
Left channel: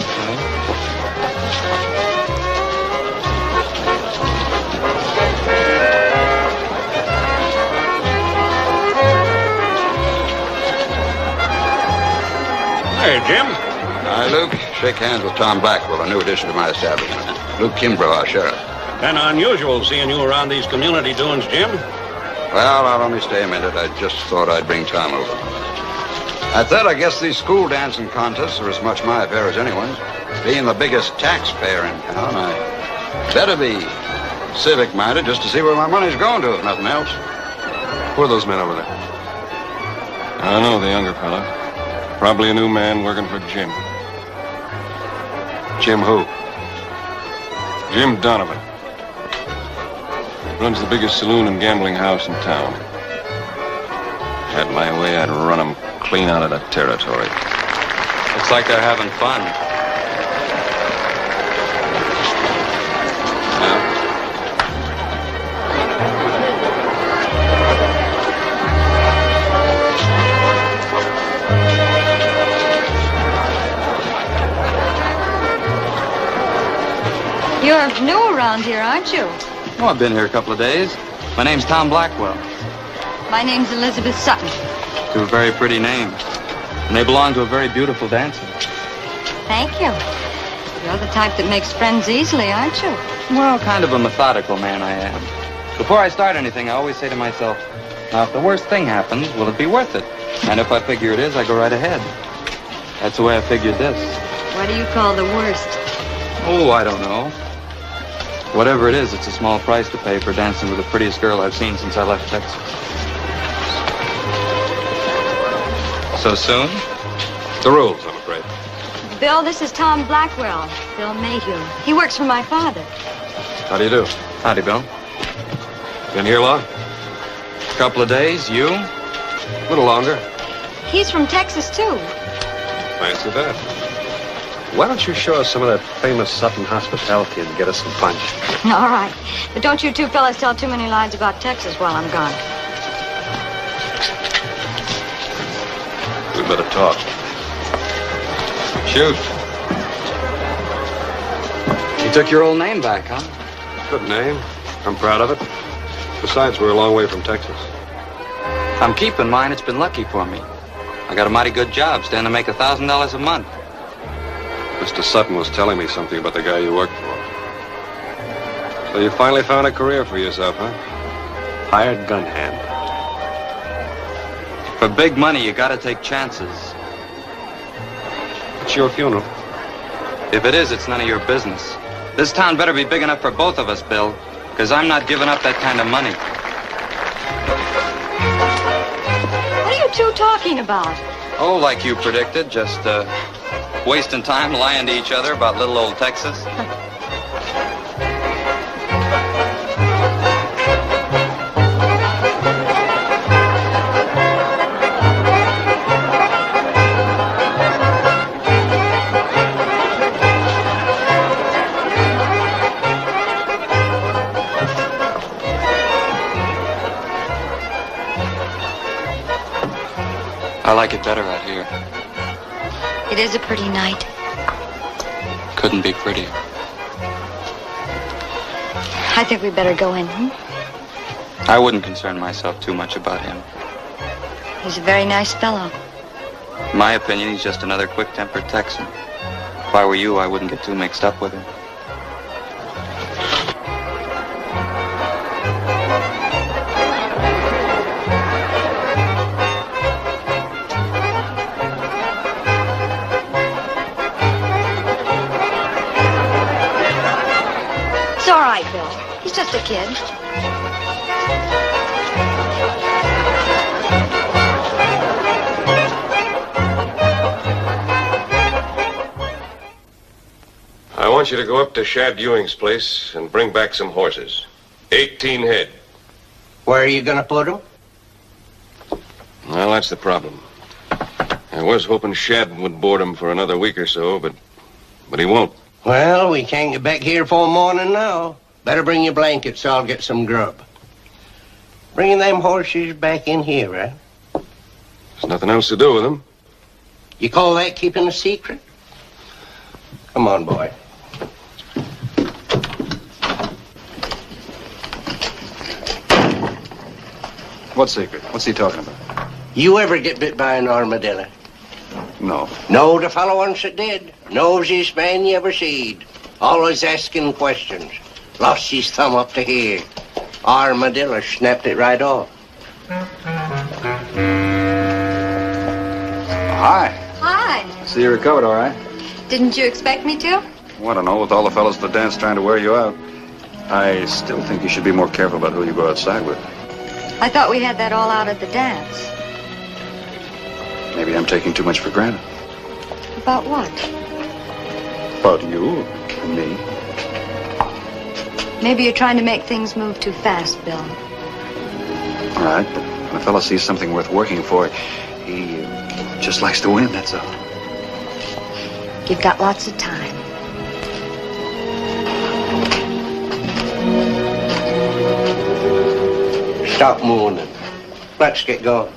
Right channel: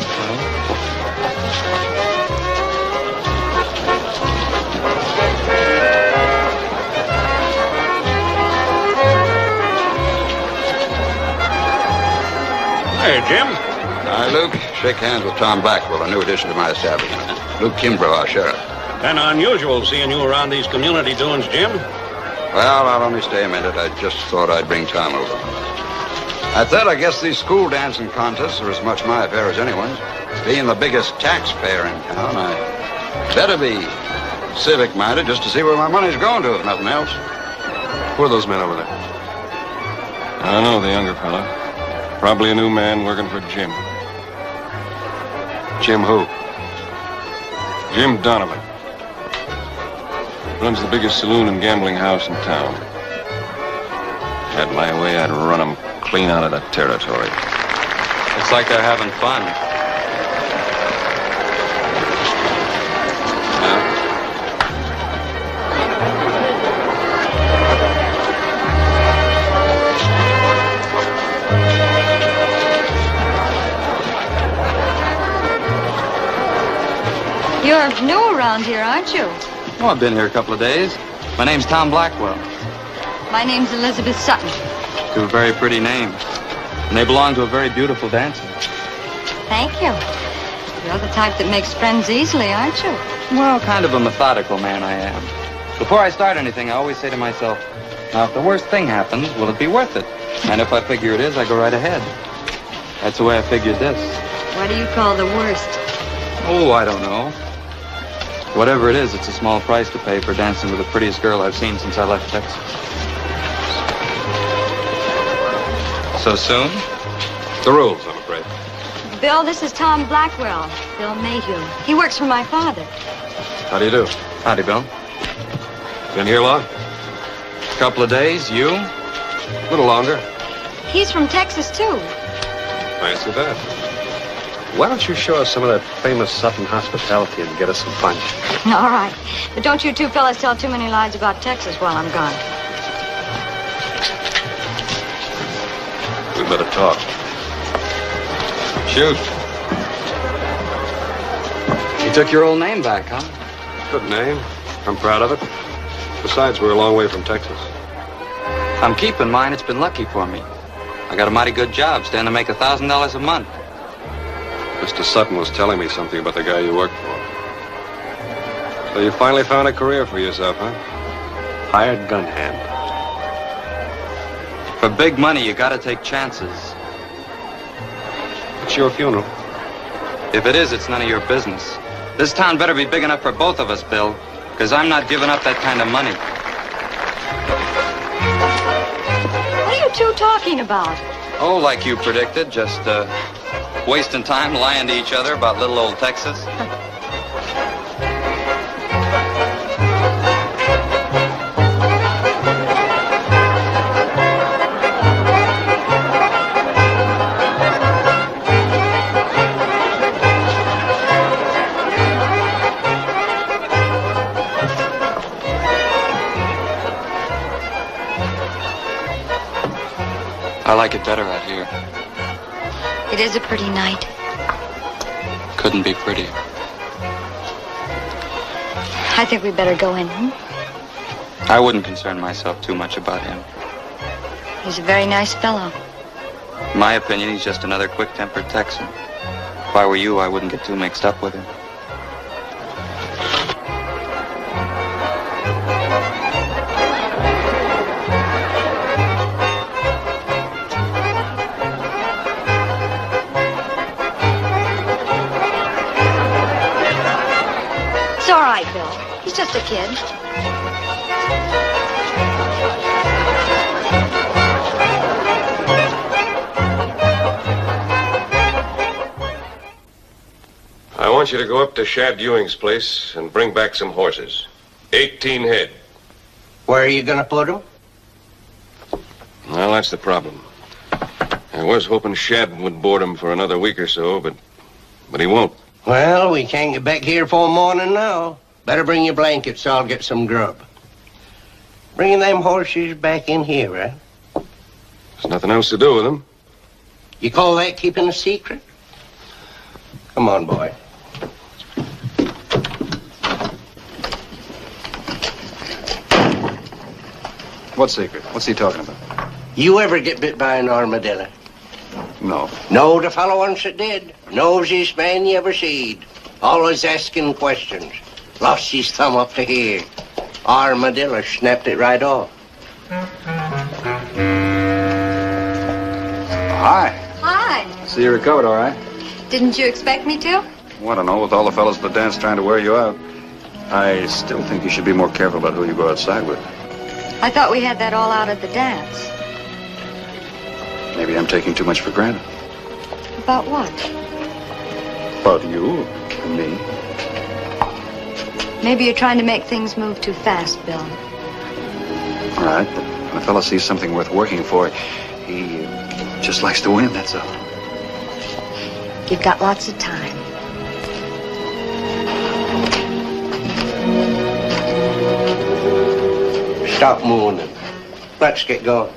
Hey, Jim. Hi, Luke. Shake hands with Tom Blackwell, a new addition to my establishment. Luke Kimbrough, our sheriff. Kind of unusual seeing you around these community doings, Jim. Well, now, let me stay a minute. I just thought I'd bring Tom over. At that, I guess these school dancing contests are as much my affair as anyone's. Being the biggest taxpayer in town, I better be civic-minded just to see where my money's going to, if nothing else. Who are those men over there? I don't know, the younger fella. Probably a new man working for Jim. Jim who? Jim Donovan. Runs the biggest saloon and gambling house in town. Had my way, I'd run him clean out of the territory. Looks like they're having fun. You're new around here, aren't you? Oh, I've been here a couple of days. My name's Tom Blackwell. My name's Elizabeth Sutton. Two very pretty names. And they belong to a very beautiful dancer. Thank you. You're the type that makes friends easily, aren't you? Well, kind of a methodical man I am. Before I start anything, I always say to myself, now, if the worst thing happens, will it be worth it? And if I figure it is, I go right ahead. That's the way I figured this. What do you call the worst? Oh, I don't know. Whatever it is, it's a small price to pay for dancing with the prettiest girl I've seen since I left Texas. So soon? The rules, I'm afraid. Bill, this is Tom Blackwell. Bill Mayhew. He works for my father. How do you do? Howdy, Bill. Been here long? A couple of days. You? A little longer. He's from Texas, too. Fancy that. Why don't you show us some of that famous Sutton hospitality and get us some punch? All right. But don't you two fellas tell too many lies about Texas while I'm gone. We better talk. Shoot. You took your old name back, huh? Good name. I'm proud of it. Besides, we're a long way from Texas. I'm keeping mine. It's been lucky for me. I got a mighty good job, stand to make $1,000 a month. Mr. Sutton was telling me something about the guy you worked for. So you finally found a career for yourself, huh? Hired gun hand. For big money, you gotta take chances. It's your funeral. If it is, it's none of your business. This town better be big enough for both of us, Bill, because I'm not giving up that kind of money. What are you two talking about? Oh, like you predicted, just, wasting time lying to each other about little old Texas. I like it better out here. It is a pretty night. Couldn't be prettier. I think we'd better go in. I wouldn't concern myself too much about him. He's a very nice fellow. In my opinion, he's just another quick-tempered Texan. If I were you, I wouldn't get too mixed up with him. It's all right, Bill. He's just a kid. I want you to go up to Shad Ewing's place and bring back some horses. 18 head. Where are you gonna put them? Well, that's the problem. I was hoping Shad would board him for another week or so, but he won't. Well, we can't get back here for morning now. Better bring your blankets so I'll get some grub. Bringing them horses back in here, right? There's nothing else to do with them. You call that keeping a secret? Come on, boy. What secret? What's he talking about? You ever get bit by an armadillo? No. No, the fellow once that did. Nosiest man you ever seed. Always asking questions. Lost his thumb up to here. Armadillo snapped it right off. Hi. Hi. See you recovered, all right? Didn't you expect me to? Well, I don't know, with all the fellows at the dance trying to wear you out. I still think you should be more careful about who you go outside with. I thought we had that all out at the dance. Maybe I'm taking too much for granted. About what? About you, me. Maybe you're trying to make things move too fast, Bill. All right, but when a fella sees something worth working for, he just likes to win, that's all. You've got lots of time. Stop mooning. Let's get going.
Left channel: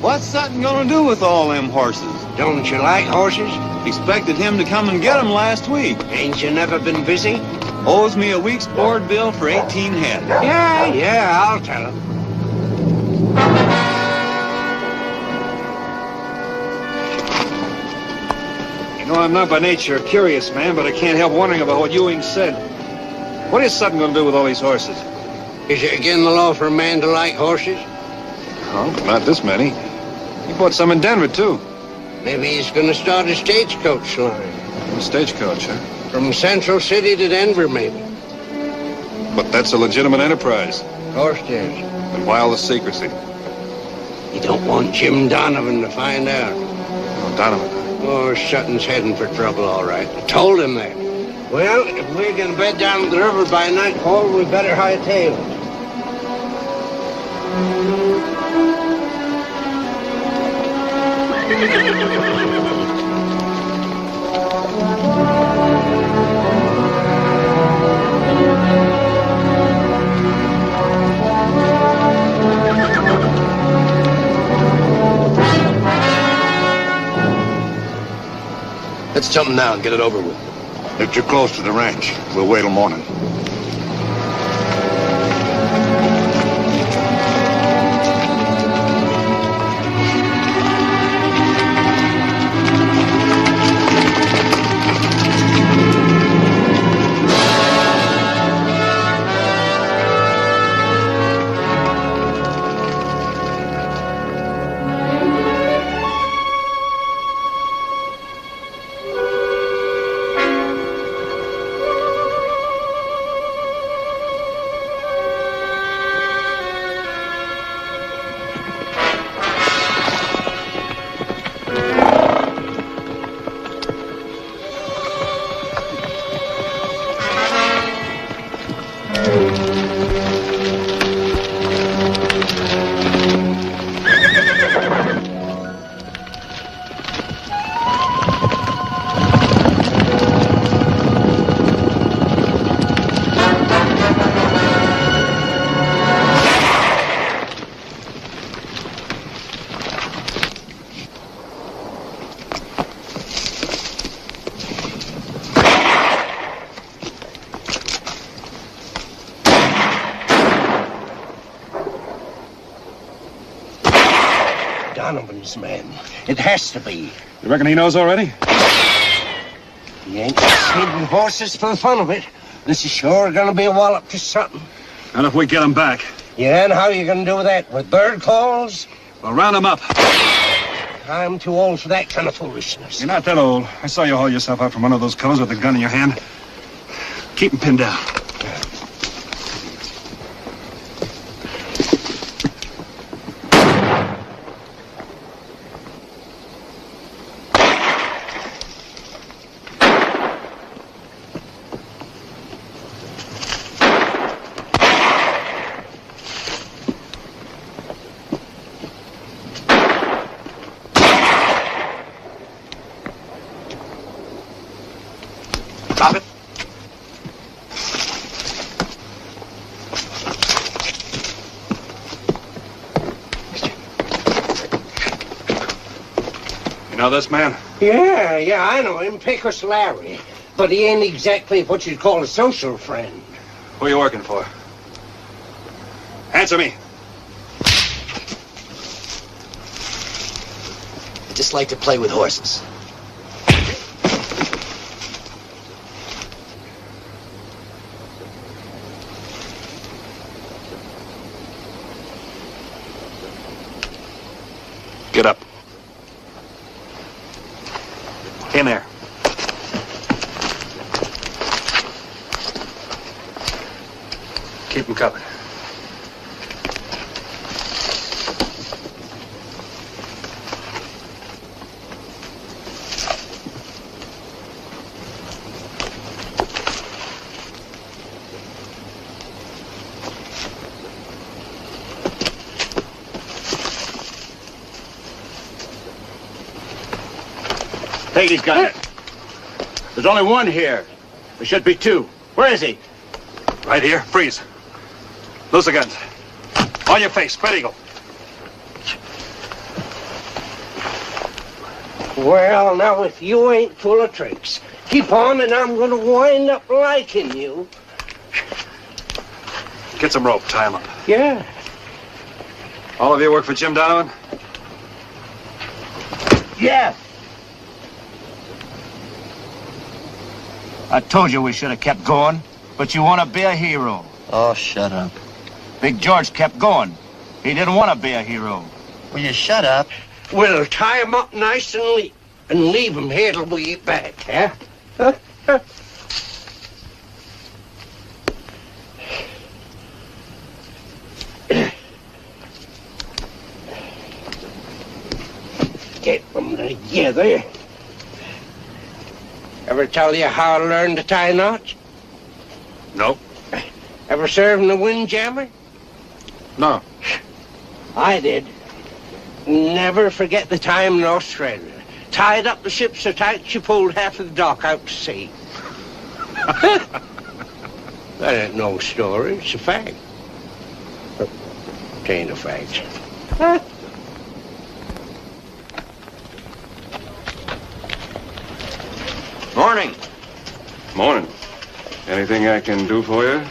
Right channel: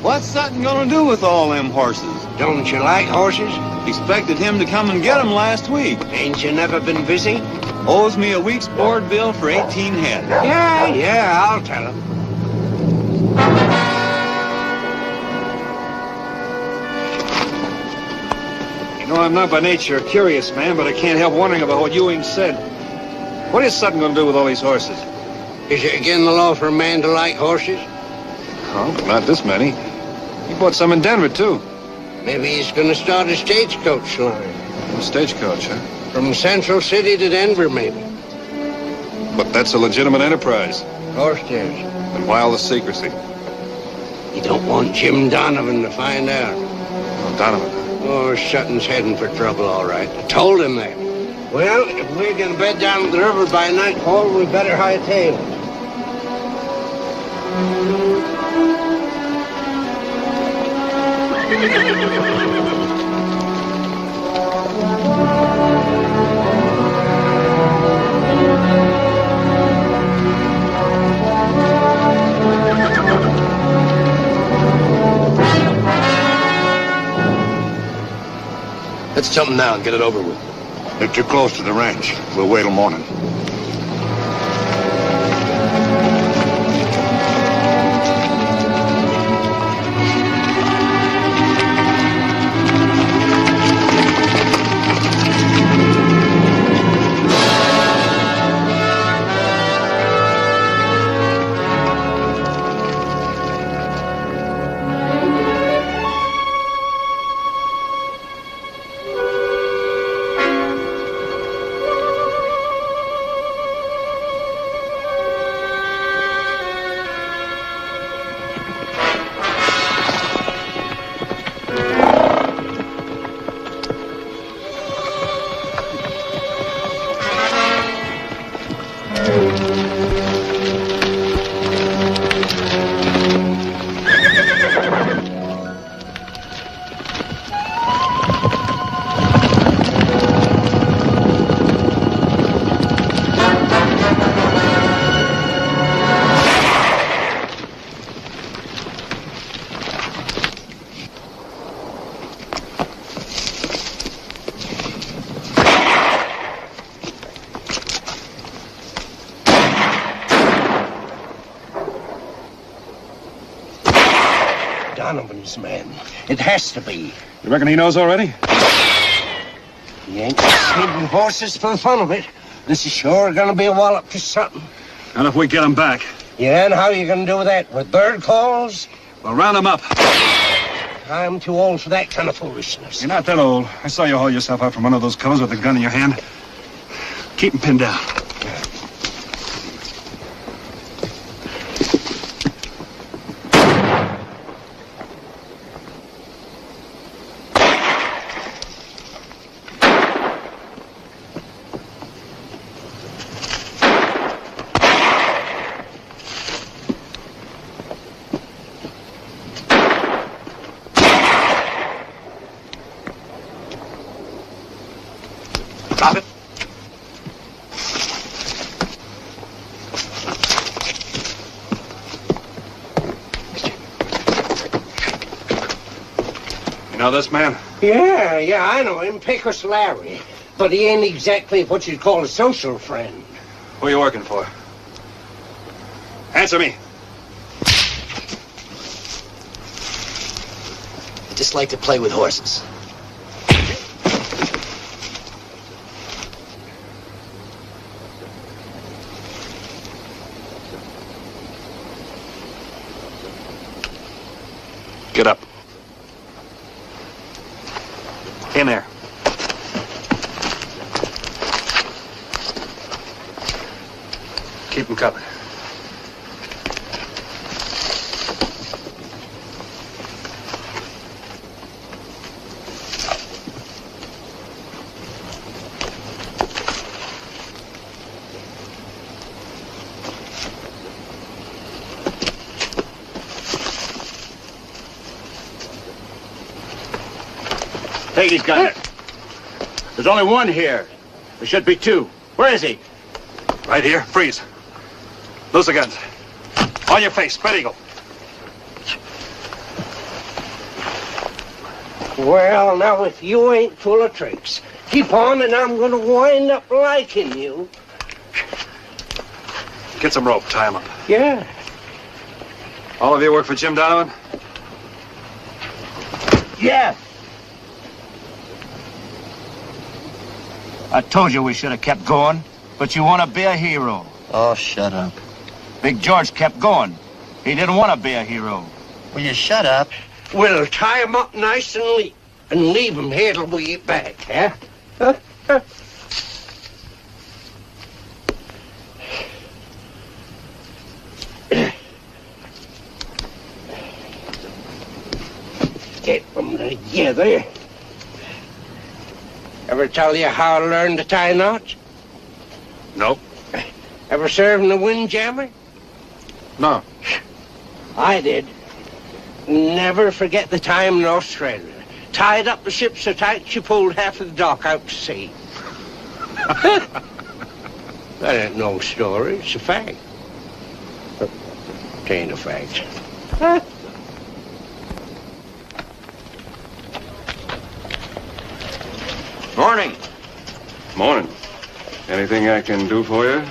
What's Sutton gonna do with all them horses? Don't you like horses? Expected him to come and get them last week. Ain't you never been busy? Owes me a week's board bill for 18 head. Yeah, I'll tell him. You know, I'm not by nature a curious man, but I can't help wondering about what Ewing said. What is Sutton going to do with all these horses? Is it again the law for a man to like horses? Oh, not this many. He bought some in Denver, too. Maybe he's going to start a stagecoach soon. A stagecoach, huh? From Central City to Denver, maybe. But that's a legitimate enterprise. Of course it is. And wildest secrecy. You don't want Jim Donovan to find out. Oh, Donovan. Oh, Sutton's heading for trouble, all right. I told him that. Well, if we're going to bed down the river by nightfall, we better hightail it. Let's jump now and get it over with. If you're close to the ranch, we'll wait till morning. Donovan's man. It has to be. You reckon he knows already? He ain't feeding horses for the fun of it. This is sure gonna be a wallop to something. And if we get him back? Yeah, and how are you gonna do that? With bird calls? We'll round him up. I'm too old for that kind of foolishness. You're not that old. I saw you haul yourself out from one of those covers with a gun in your hand. Keep him pinned down. Drop it. You know this man? Yeah, I know him, Pecos Larry. But he ain't exactly what you'd call a social friend. Who are you working for? Answer me. I just like to play with horses. Get up. In there. Keep him covered. Take his gun. There's only one here. There should be two. Where is he? Right here. Freeze. Loose the guns. On your face. Spread eagle. Well, now, if you ain't full of tricks, keep on and I'm gonna wind up liking you. Get some rope. Tie him up. Yeah. All of you work for Jim Donovan? Yeah. I told you we should have kept going, but you want to be a hero. Oh, shut up. Big George kept going. He didn't want to be a hero. Will you shut up? We'll tie him up nice and leave him here till we get back, huh? Get them together. Ever tell you how I learned to tie knots? No. Ever served in the windjammer? No. I did. Never forget the time in Australia. Tied up the ship so tight she pulled half of the dock out to sea. That ain't no story, it's a fact. It ain't a fact. Morning. Morning. Anything I can do for you?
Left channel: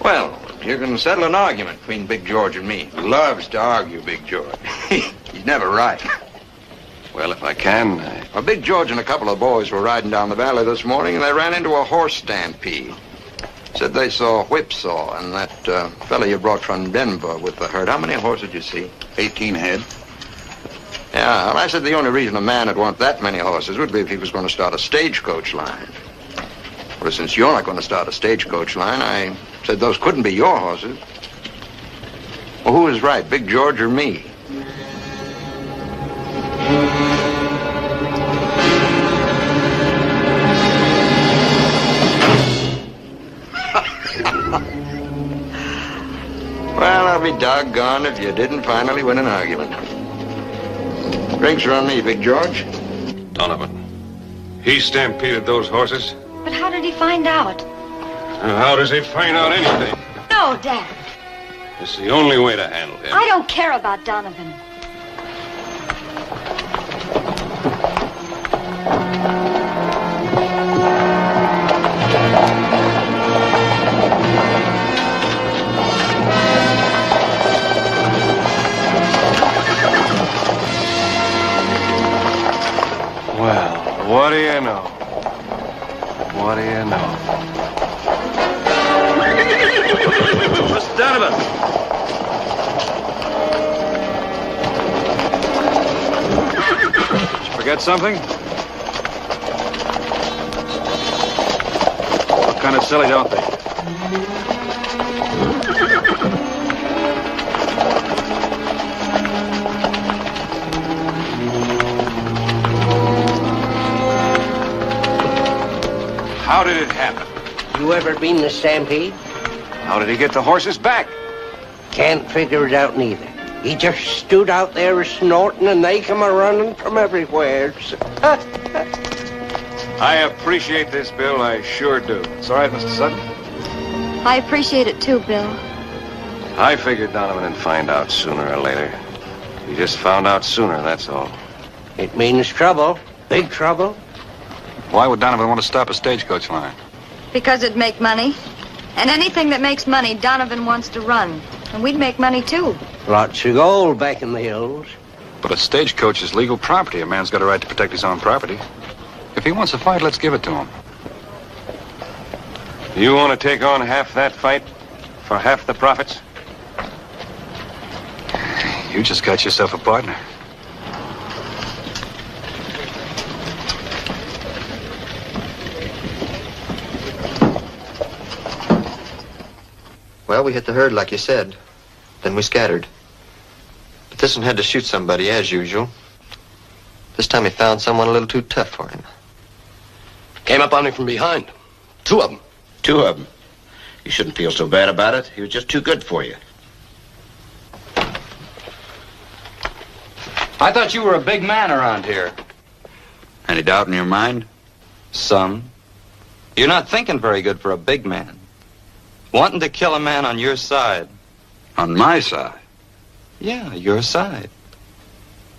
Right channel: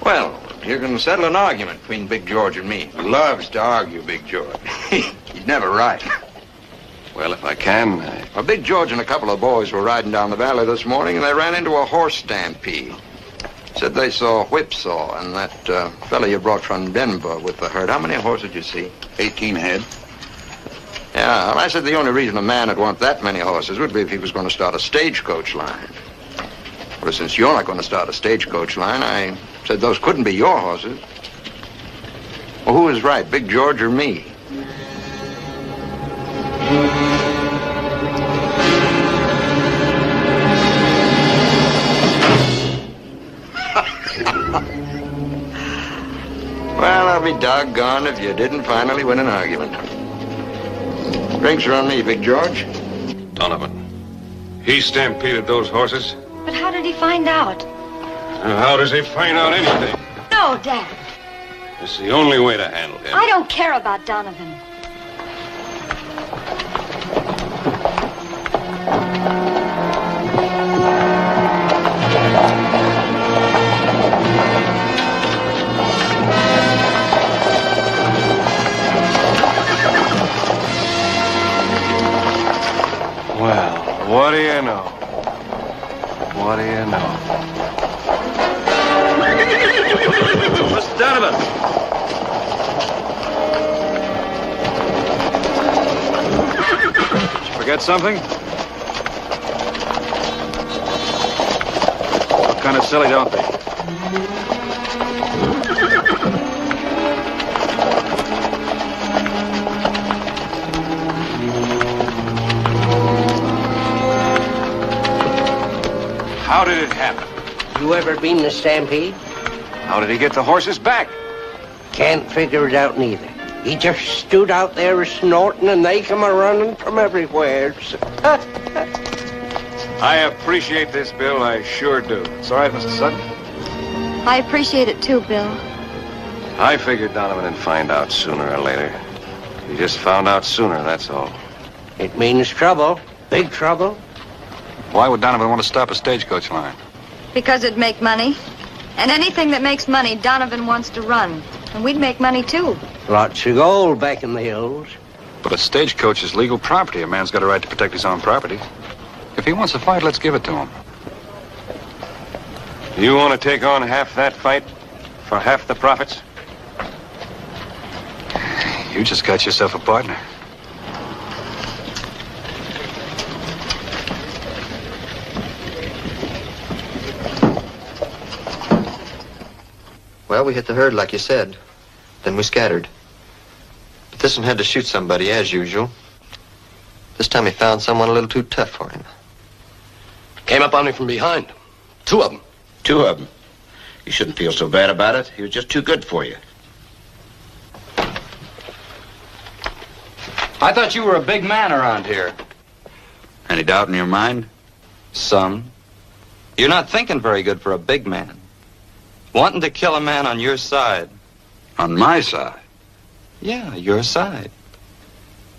Well, you're going to settle an argument between Big George and me. Loves to argue, Big George. He's never right. Well, if I can. Well, Big George and a couple of boys were riding down the valley this morning, and they ran into a horse stampede. Said they saw Whipsaw and that fella you brought from Denver with the herd. How many horses did you see? 18 head. Yeah, well, I said the only reason a man would want that many horses would be if he was going to start a stagecoach line. But since you're not going to start a stagecoach line, I said those couldn't be your horses. Well, who was right, Big George or me? Well, I'll be doggone if you didn't finally win an argument. Drinks are on me, Big George. Donovan. He stampeded those horses? But how did he find out? How does he find out anything? No, Dad. It's the only way to handle him. I don't care about Donovan. something? What kind of silly don't they? How did it happen? You ever been in a stampede? How did he get the horses back? Can't figure it out neither. He just stood out there a-snorting and they come a-running from everywhere. I appreciate this, Bill. I sure do. It's all right, Mr. Sutton. I appreciate it too, Bill. I figured Donovan would find out sooner or later. He just found out sooner, that's all. It means trouble. Big trouble. Why would Donovan want to stop a stagecoach line? Because it'd make money. And anything that makes money, Donovan wants to run. And we'd make money too. Lots of gold back in the hills. But a stagecoach is legal property. A man's got a right to protect his own property. If he wants a fight, let's give it to him. You want to take on half that fight for half the profits? You just got yourself a partner. Well, we hit the herd, like you said. Then we scattered. But this one had to shoot somebody, as usual. This time he found someone a little too tough for him. Came up on him from behind. Two of them. Two of them. You shouldn't feel so bad about it. He was just too good for you. I thought you were a big man around here. Any doubt in your mind? Son, you're not thinking very good for a big man. Wanting to kill a man on your side. On my side? Yeah, your side.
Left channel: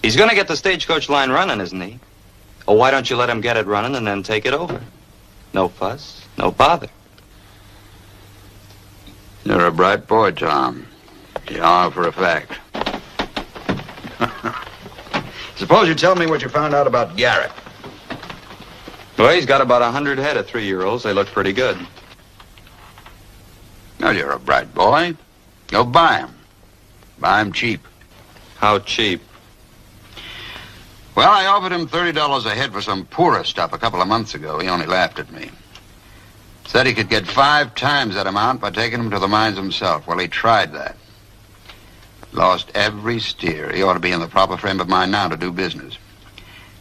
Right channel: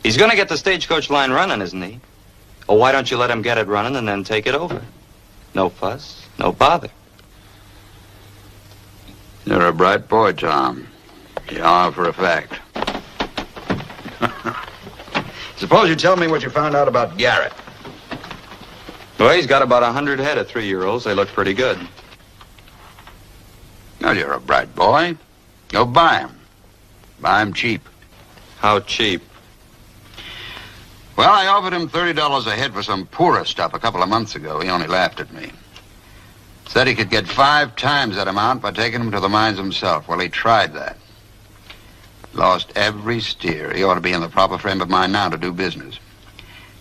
He's going to get the stagecoach line running, isn't he? Oh, why don't you let him get it running and then take it over? No fuss, no bother. You're a bright boy, Tom. You know for a fact. Suppose you tell me what you found out about Garrett. Well, he's got about 100 head of 3-year-olds. They look pretty good. Well, you're a bright boy. Go buy him. Buy him cheap. How cheap? Well, I offered him $30 a head for some poorer stuff a couple of months ago. He only laughed at me. Said he could get 5 times that amount by taking them to the mines himself. Well, he tried that. Lost every steer. He ought to be in the proper frame of mind now to do business.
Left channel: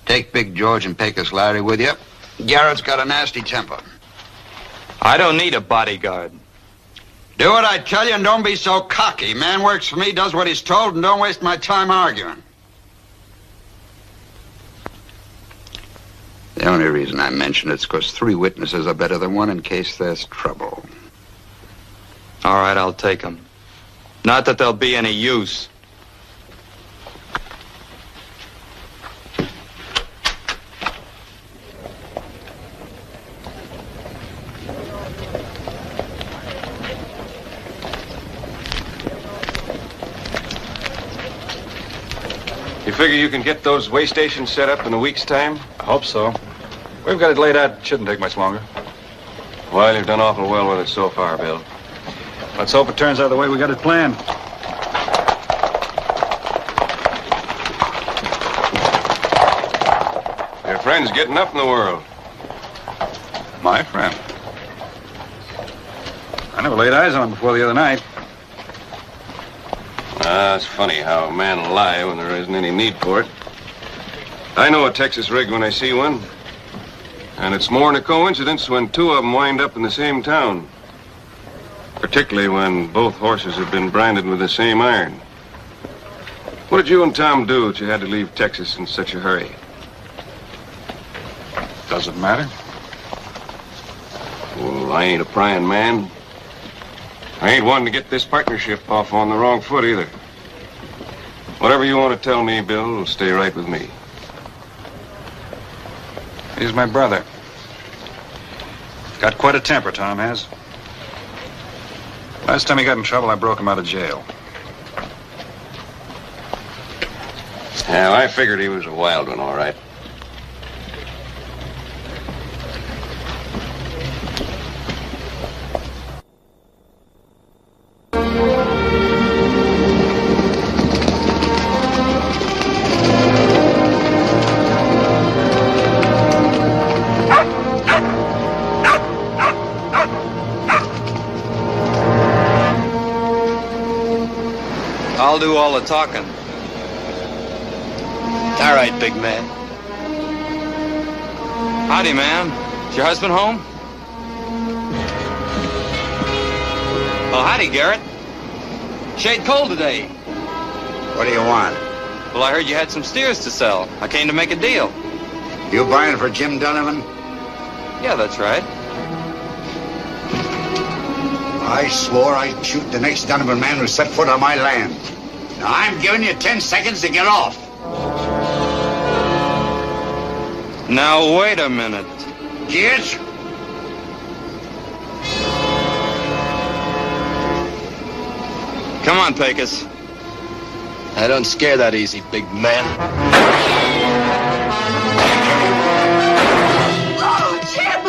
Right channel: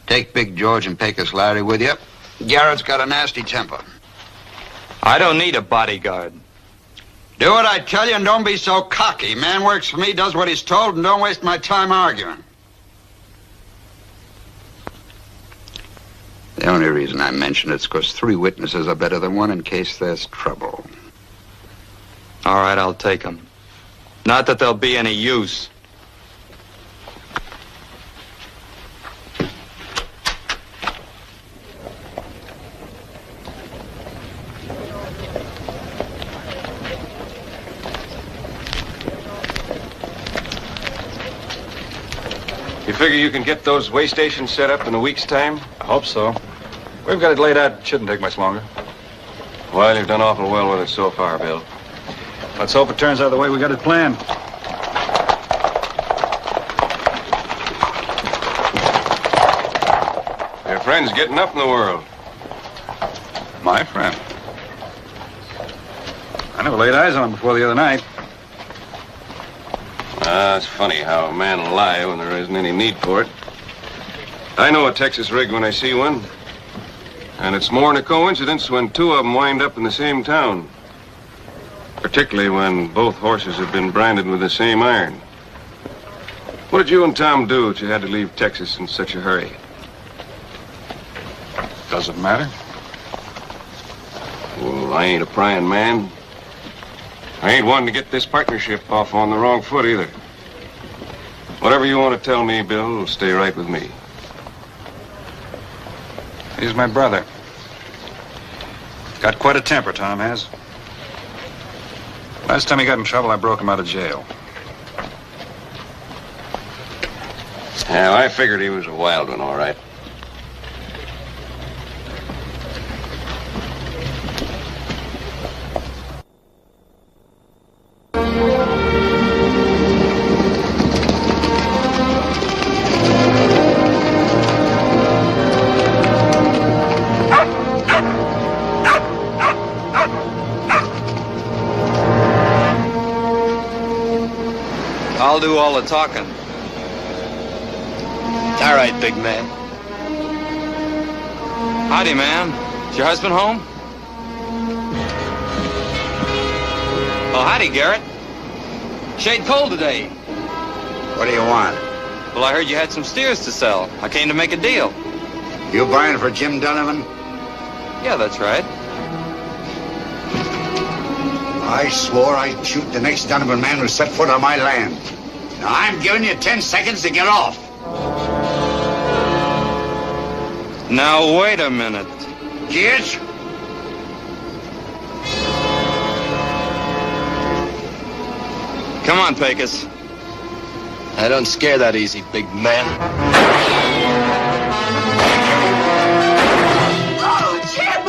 Take Big George and Pecos Larry with you. Garrett's got a nasty temper. I don't need a bodyguard. Do what I tell you and don't be so cocky. Man works for me, does what he's told, and don't waste my time arguing. The only reason I mention it's because 3 witnesses are better than 1 in case there's trouble. All right, I'll take them. Not that there'll be any use. You figure you can get those way stations set up in a week's time? I hope so. We've got it laid out. It shouldn't take much longer. Well, you've done awful well with it so far, Bill. Let's hope it turns out the way we got it planned. Your friend's getting up in the world. My friend? I never laid eyes on him before the other night. It's funny how a man will lie when there isn't any need for it. I know a Texas rig when I see one. And it's more than a coincidence when 2 of them wind up in the same town. Particularly when both horses have been branded with the same iron. What did you and Tom do that you had to leave Texas in such a hurry? Doesn't matter. Well, I ain't a prying man. I ain't wanting to get this partnership off on the wrong foot either. Whatever you want to tell me, Bill, will stay right with me. He's my brother. Got quite a temper, Tom has. Last time he got in trouble, I broke him out of jail. Yeah, I figured he was a wild one, all right. I'll do all the talking. All right, big man. Howdy, man. Is your husband home? Oh, howdy, Garrett. Shade cold today. What do you want? Well, I heard you had some steers to sell. I came to make a deal. You buying for Jim Donovan? Yeah, that's right. I swore I'd shoot the next Donovan man who set foot on my land. Now, I'm giving you 10 seconds to get off. Now, wait a minute. Yes? Come on, Pecos. I don't scare that easy, big man. Oh, Jim!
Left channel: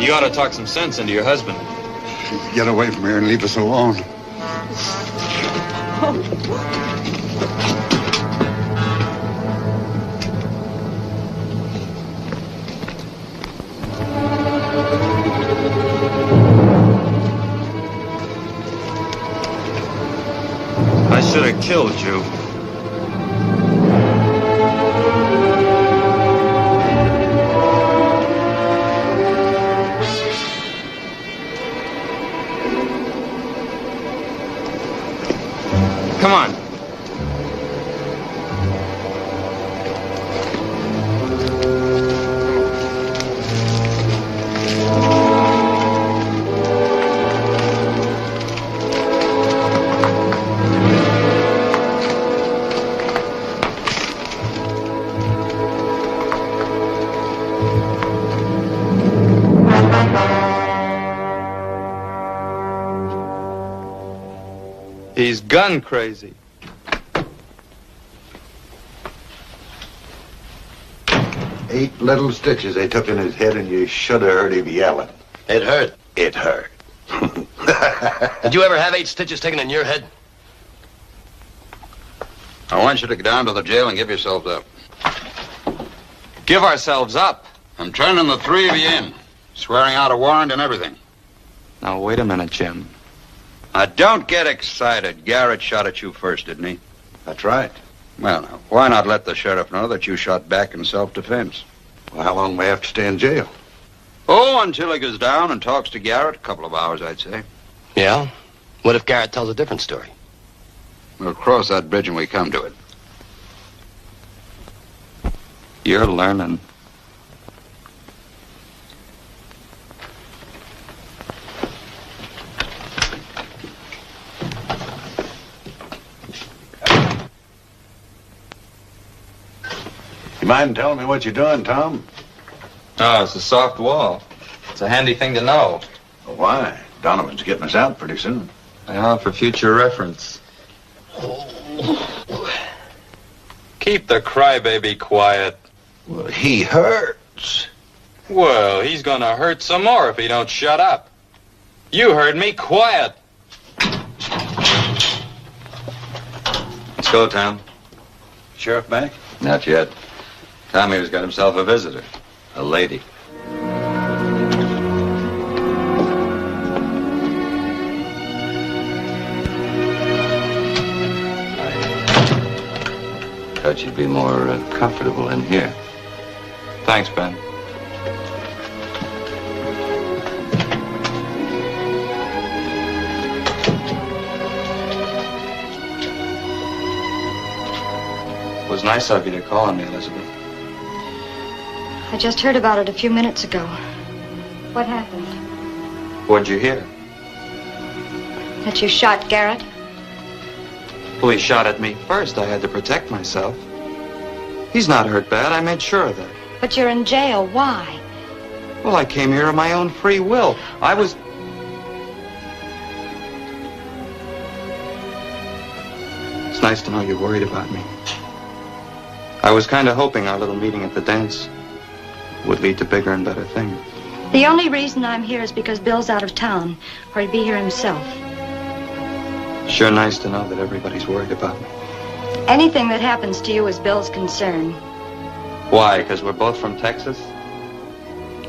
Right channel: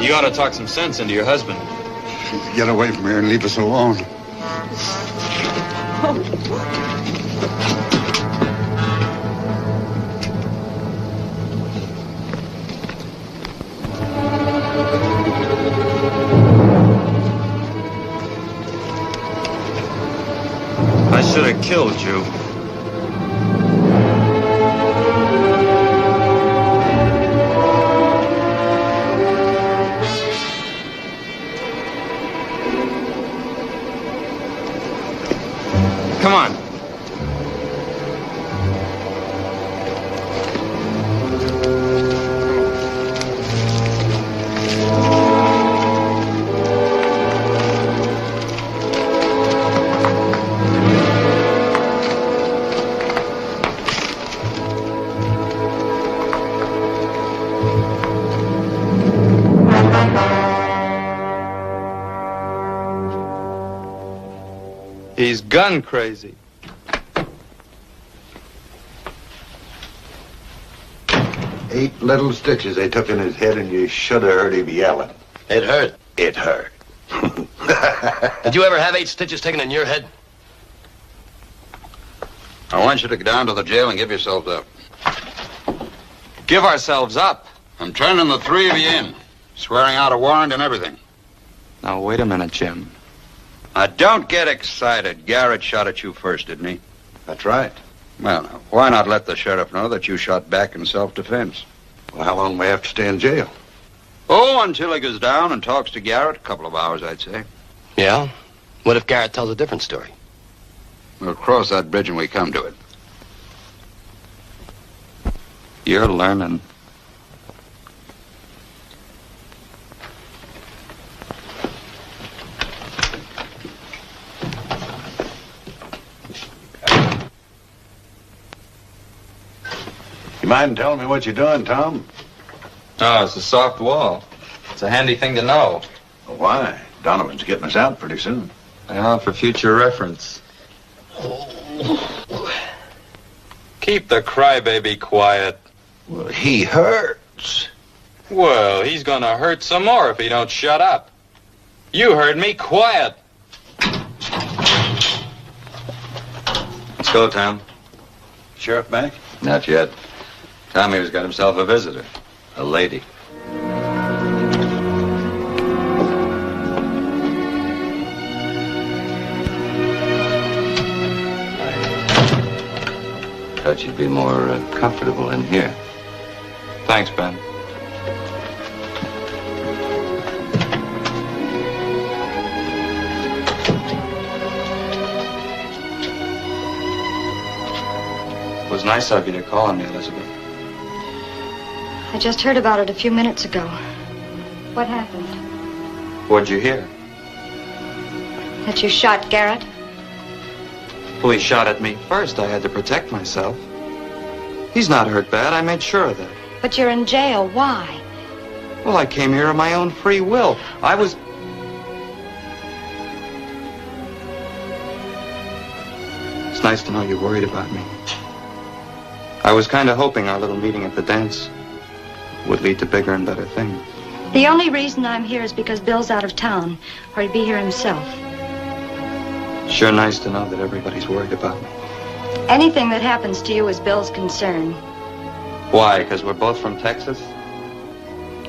You ought to talk some sense into your husband. Get away from here and leave us alone. I should have killed you. Come on. He's gun crazy. Eight little stitches they took in his head, and you should have heard him yelling. It hurt. It hurt. Did you ever have 8 stitches taken in your head? I want you to go down to the jail and give yourselves up. Give ourselves up? I'm turning the 3 of you in, swearing out a warrant and everything. Now, wait a minute, Jim. Now, don't get excited. Garrett shot at you first, didn't he? That's right. Well, now, why not let the sheriff know that you shot back in self-defense? Well, how long may I have to stay in jail? Oh, until he goes down and talks to Garrett. A couple of hours, I'd say. Yeah? What if Garrett tells a different story? We'll cross that bridge when we come to it. You're learning. You mind telling me what you're doing, Tom? Oh, it's a soft wall. It's a handy thing to know. Well, why? Donovan's getting us out pretty soon. Yeah, for future reference. Keep the crybaby quiet. Well, he hurts. Well, he's gonna hurt some more if he don't shut up. You heard me, quiet. Let's go, Tom. Sheriff back? Not yet. Tom here's got himself a visitor. A lady. Thought you'd be more comfortable in here. Thanks, Ben. It was nice of you to call on me, Elizabeth. I just heard about it a few minutes ago. What happened? What'd you hear? That you shot Garrett? Well, he shot at me first. I had to protect myself. He's not hurt bad. I made sure of that. But you're in jail. Why? Well, I came here of my own free will. I was... It's nice to know you're worried about me. I was kind of hoping our little meeting at the dance would lead to bigger and better things. The only reason I'm here is because Bill's out of town, or he'd be here himself. Sure nice to know that everybody's worried about me. Anything that happens to you is Bill's concern. Why? Because we're both from Texas?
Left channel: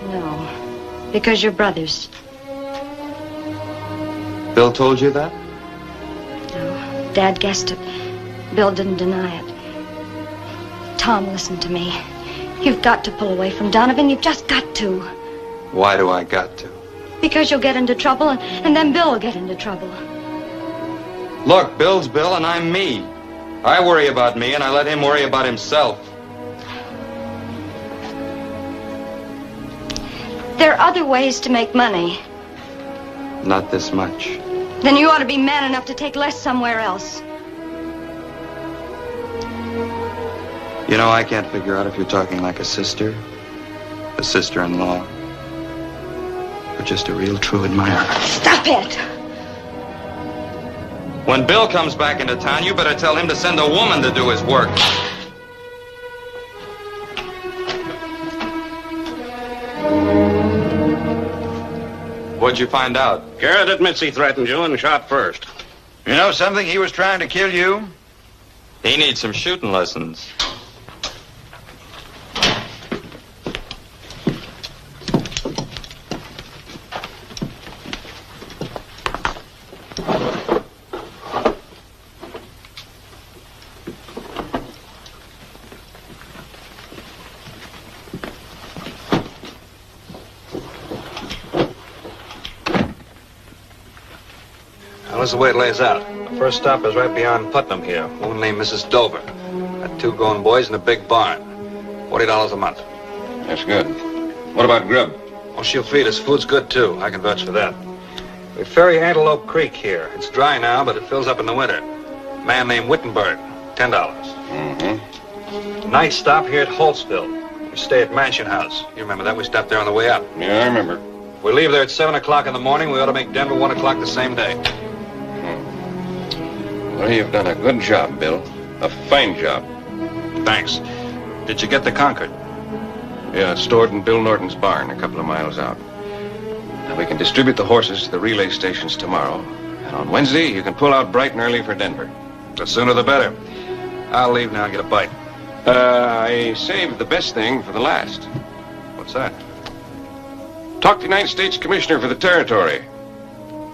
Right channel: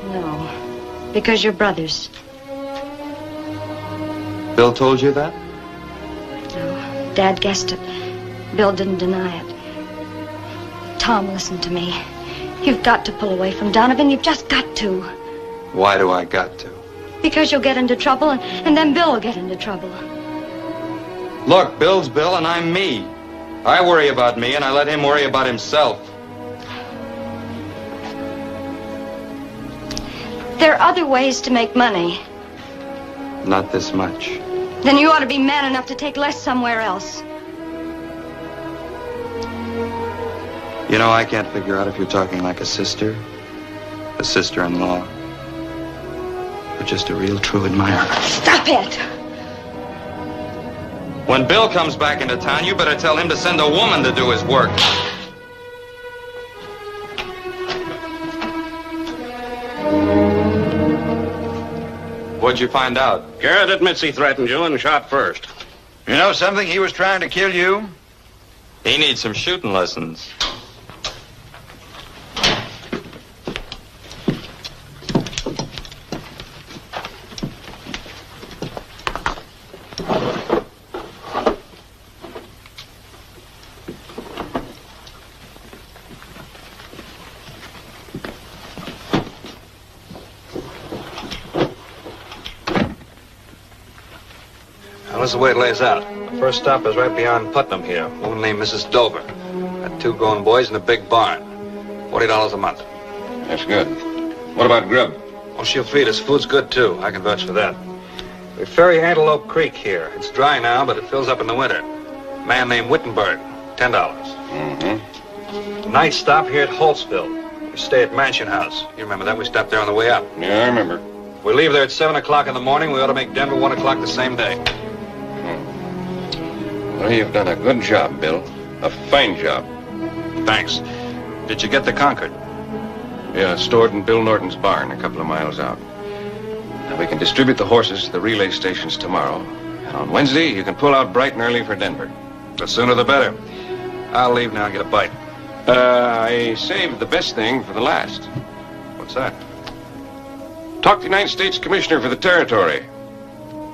No, because you're brothers. Bill told you that? No, Dad guessed it. Bill didn't deny it. Tom, listen to me. You've got to pull away from Donovan. You've just got to. Why do I got to? Because you'll get into trouble, and then Bill will get into trouble. Look, Bill's Bill and I'm me. I worry about me, and I let him worry about himself. There are other ways to make money. Not this much. Then you ought to be man enough to take less somewhere else. You know, I can't figure out if you're talking like a sister, a sister-in-law, or just a real true admirer. Stop it! When Bill comes back into town, you better tell him to send a woman to do his work. What'd you find out? Garrett admits he threatened you and shot first. You know something? He was trying to kill you. He needs some shooting lessons. This is the way it lays out. The first stop is right beyond Putnam here. A woman named Mrs. Dover. Got 2 grown boys in a big barn. $40 a month. That's good. What about grub? Well, she'll feed us. Food's good, too. I can vouch for that. We ferry Antelope Creek here. It's dry now, but it fills up in the winter. Man named Wittenberg. $10. Mm-hmm. Night stop here at Holtzville. We stay at Mansion House. You remember that? We stopped there on the way up. Yeah, I remember. If we leave there at 7 o'clock in the morning, we ought to make Denver 1 o'clock the same day. Well, you've done a good job, Bill. A fine job. Thanks. Did you get the Concord? Yeah, it's stored in Bill Norton's barn a couple of miles out. And we can distribute the horses to the relay stations tomorrow. And on Wednesday, you can pull out bright and early for Denver. The sooner the better. I'll leave now and get a bite. I saved the best thing for the last. What's that? Talk to the United States Commissioner for the Territory.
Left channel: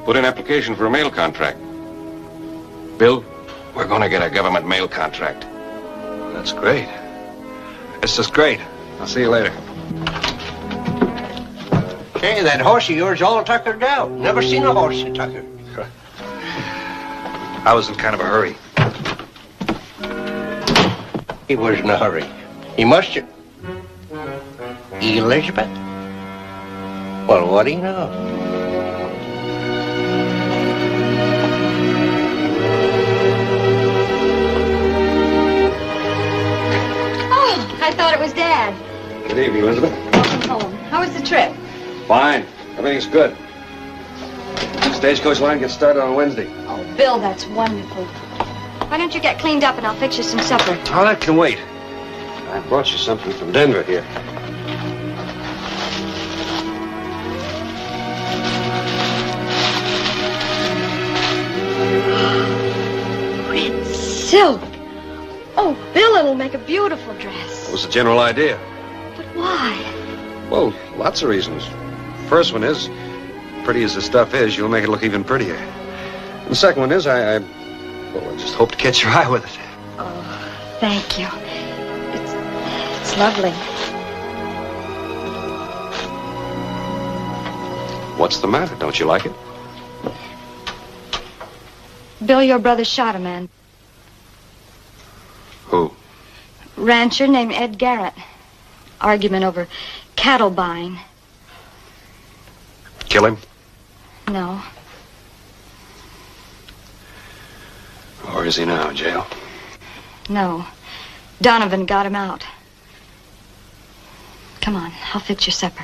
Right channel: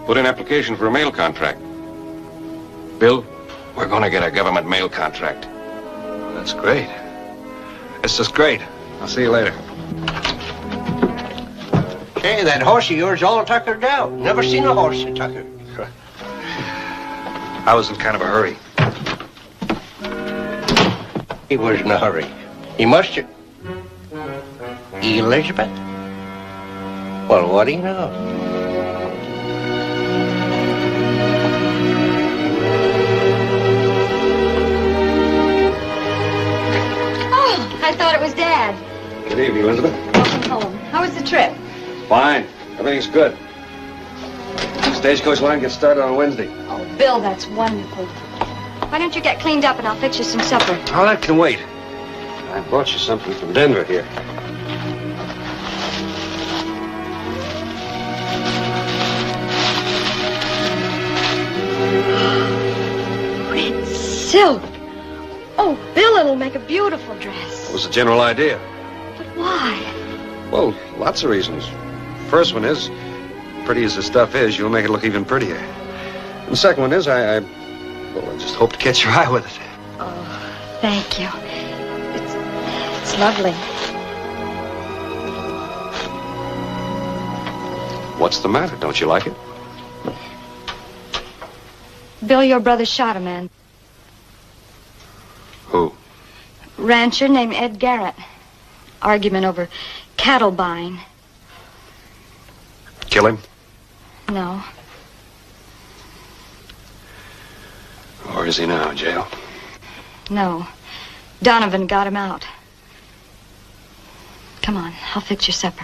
Put in application for a mail contract. Bill, we're going to get a government mail contract. That's great. This is great. I'll see you later. Say, that horse of yours all tuckered out. Never seen a horse so tuckered. I was in kind of a hurry. He was in a hurry. He must have. Elizabeth? Well, what do you know? Oh, I thought it was Dad. Good evening, Elizabeth. Oh, how was the trip? Fine. Everything's good. Stagecoach line gets started on Wednesday. Oh, Bill, that's wonderful. Why don't you get cleaned up and I'll fix you some supper? Oh, that can wait. I brought you something from Denver here. Red silk. Oh, Bill, it'll make a beautiful dress. What was the general idea? Why? Well, lots of reasons. First one is, pretty as the stuff is, you'll make it look even prettier. And the second one is, I just hope to catch your eye with it. Oh, thank you. It's lovely. What's the matter? Don't you like it? Bill, your brother shot a man. Who? Rancher named Ed Garrett. Argument over cattle buying. Kill him? No. Where is he now? Jail? No. Donovan got him out. Come on, I'll fix your supper.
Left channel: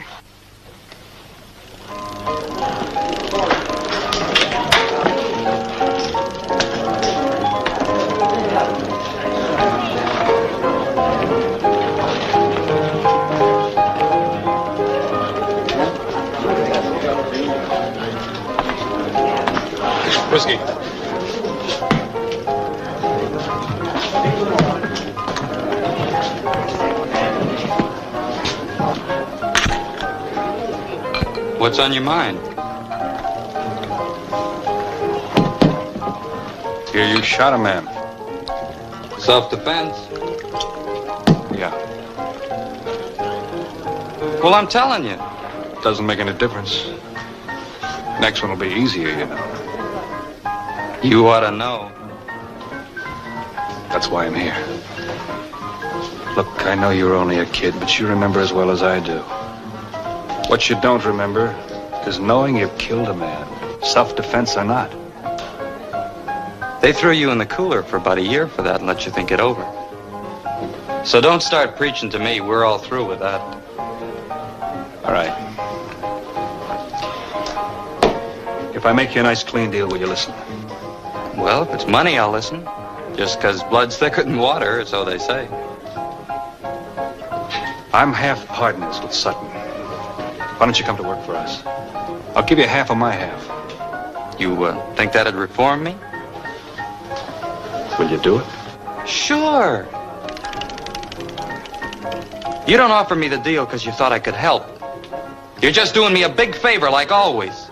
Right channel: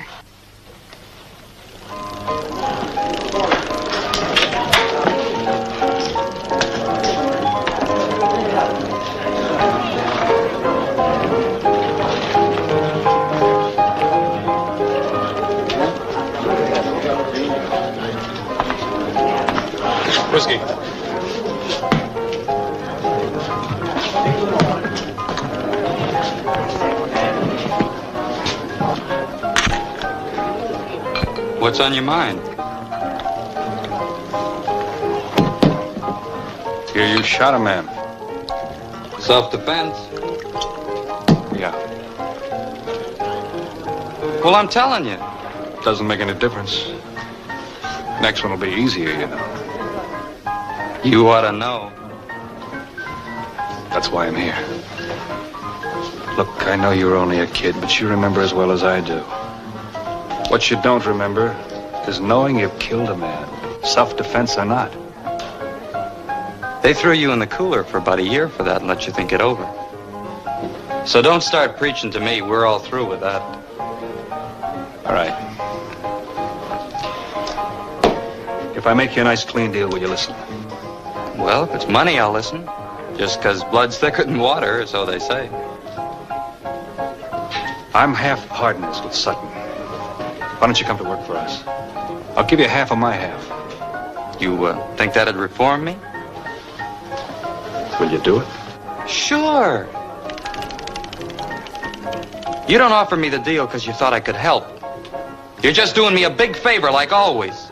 Whiskey. What's on your mind? Here you shot a man. Self-defense? Yeah. Well, I'm telling you. Doesn't make any difference. Next one will be easier, you know. You ought to know. That's why I'm here. Look, I know you were only a kid, but you remember as well as I do. What you don't remember is knowing you've killed a man, self-defense or not. They threw you in the cooler for about a year for that and let you think it over. So don't start preaching to me. We're all through with that. All right. If I make you a nice clean deal, will you listen? Well, if it's money, I'll listen. Just 'cause blood's thicker than water, so they say. I'm half partners with Sutton. Why don't you come to work for us? I'll give you half of my half. You think that'd reform me? Will you do it? Sure. You don't offer me the deal because you thought I could help. You're just doing me a big favor like always.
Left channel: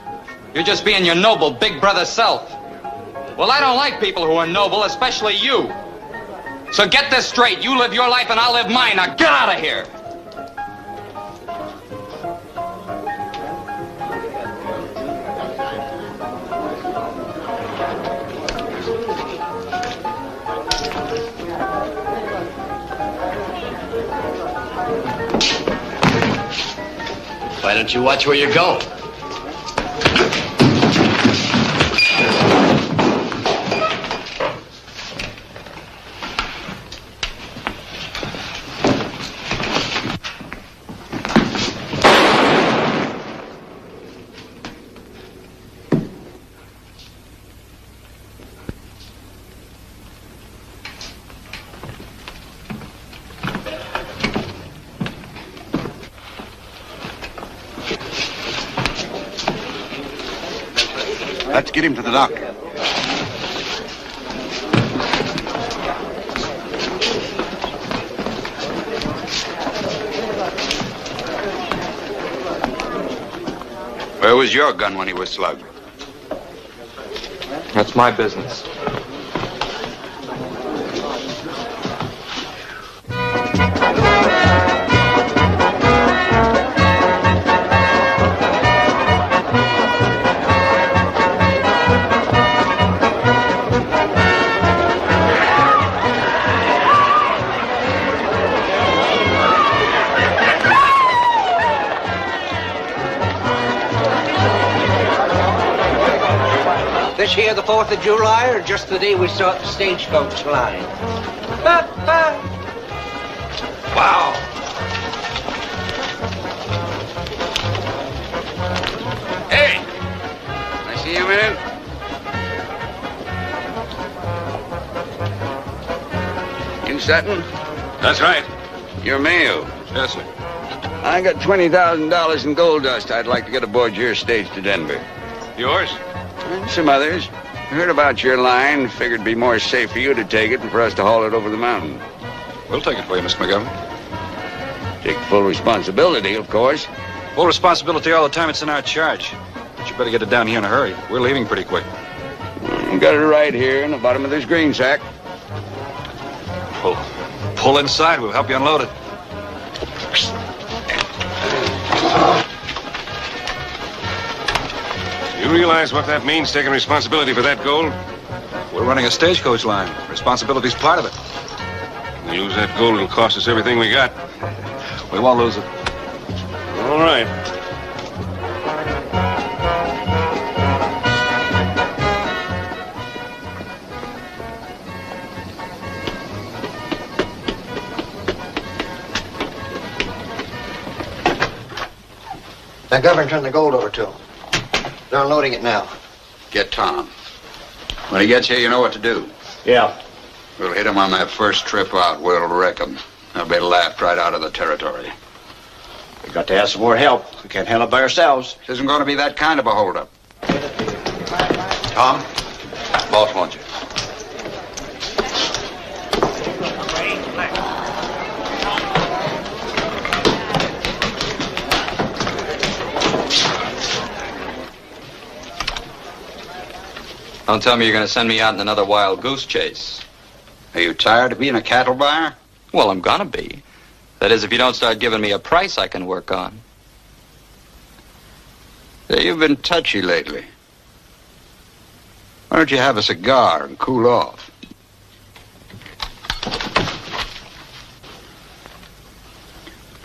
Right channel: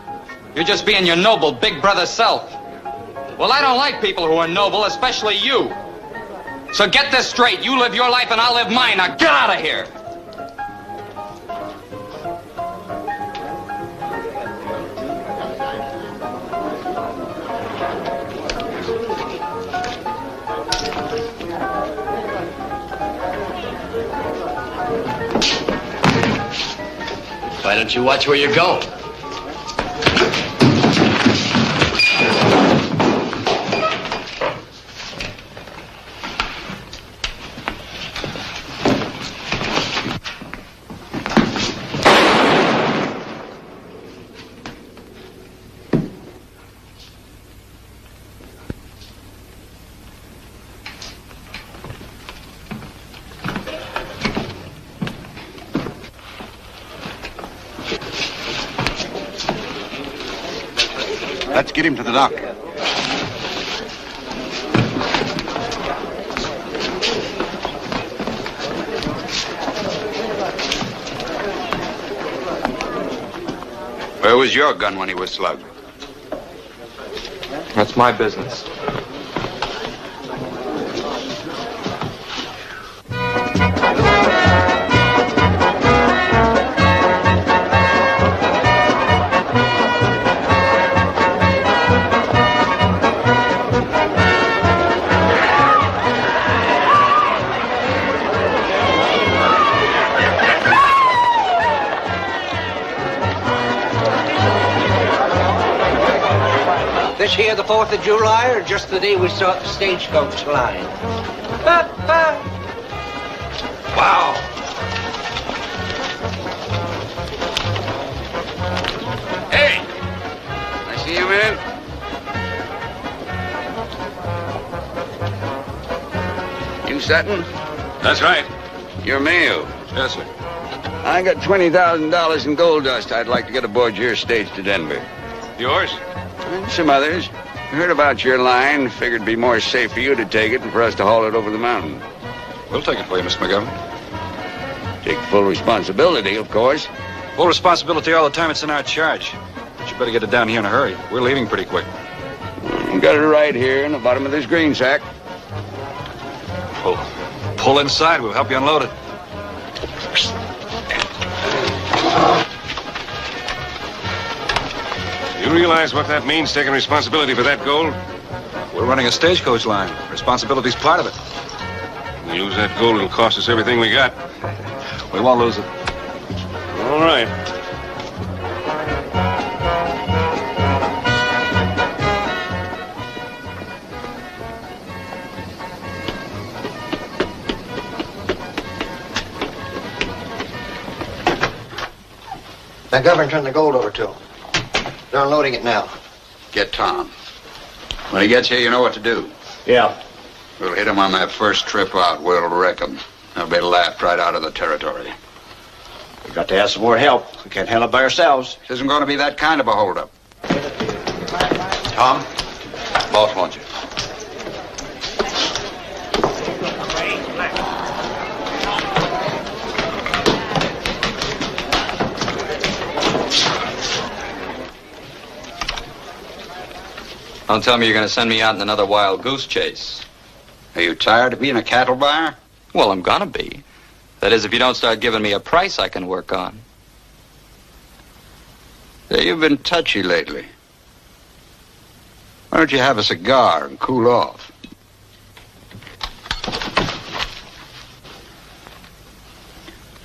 You're just being your noble big brother self. Well, I don't like people who are noble, especially you. So get this straight. You live your life and I'll live mine. Now get out of here. Why don't you watch where you're going? Let's get him to the dock. Where was your gun when he was slugged? That's my business. This here the 4th of July, or just the day we start the stagecoach line? Wow. Hey! I see you, man. You Sutton? That's right. You're Mayhew. Yes, sir. I got $20,000 in gold dust I'd like to get aboard your stage to Denver. Yours? And some others. Heard about your line. Figured it'd be more safe for you to take it than for us to haul it over the mountain. We'll take it for you, Mr. McGovern. Take full responsibility, of course. Full responsibility all the time it's in our charge. But you better get it down here in a hurry. We're leaving pretty quick. Got it right here in the bottom of this green sack. Pull inside. We'll help you unload it. You realize what that means, taking responsibility for that gold? We're running a stagecoach line. Responsibility's part of it. We lose that gold, it'll cost us everything we got. We won't lose it. All right. Now, Governor, turn the gold over to them. They're unloading it now. Get Tom. When he gets here, you know what to do. Yeah. We'll hit him on that first trip out where it'll wreck him. They'll be laughed right out of the territory. We've got to have some more help. We can't handle it by ourselves. This isn't going to be that kind of a holdup. Tom, boss wants you. Don't tell me you're going to send me out in another wild goose chase. Are you tired of being a cattle buyer? Well, I'm gonna be. That is, if you don't start giving me a price I can work on. Yeah, you've been touchy lately. Why don't you have a cigar and cool off?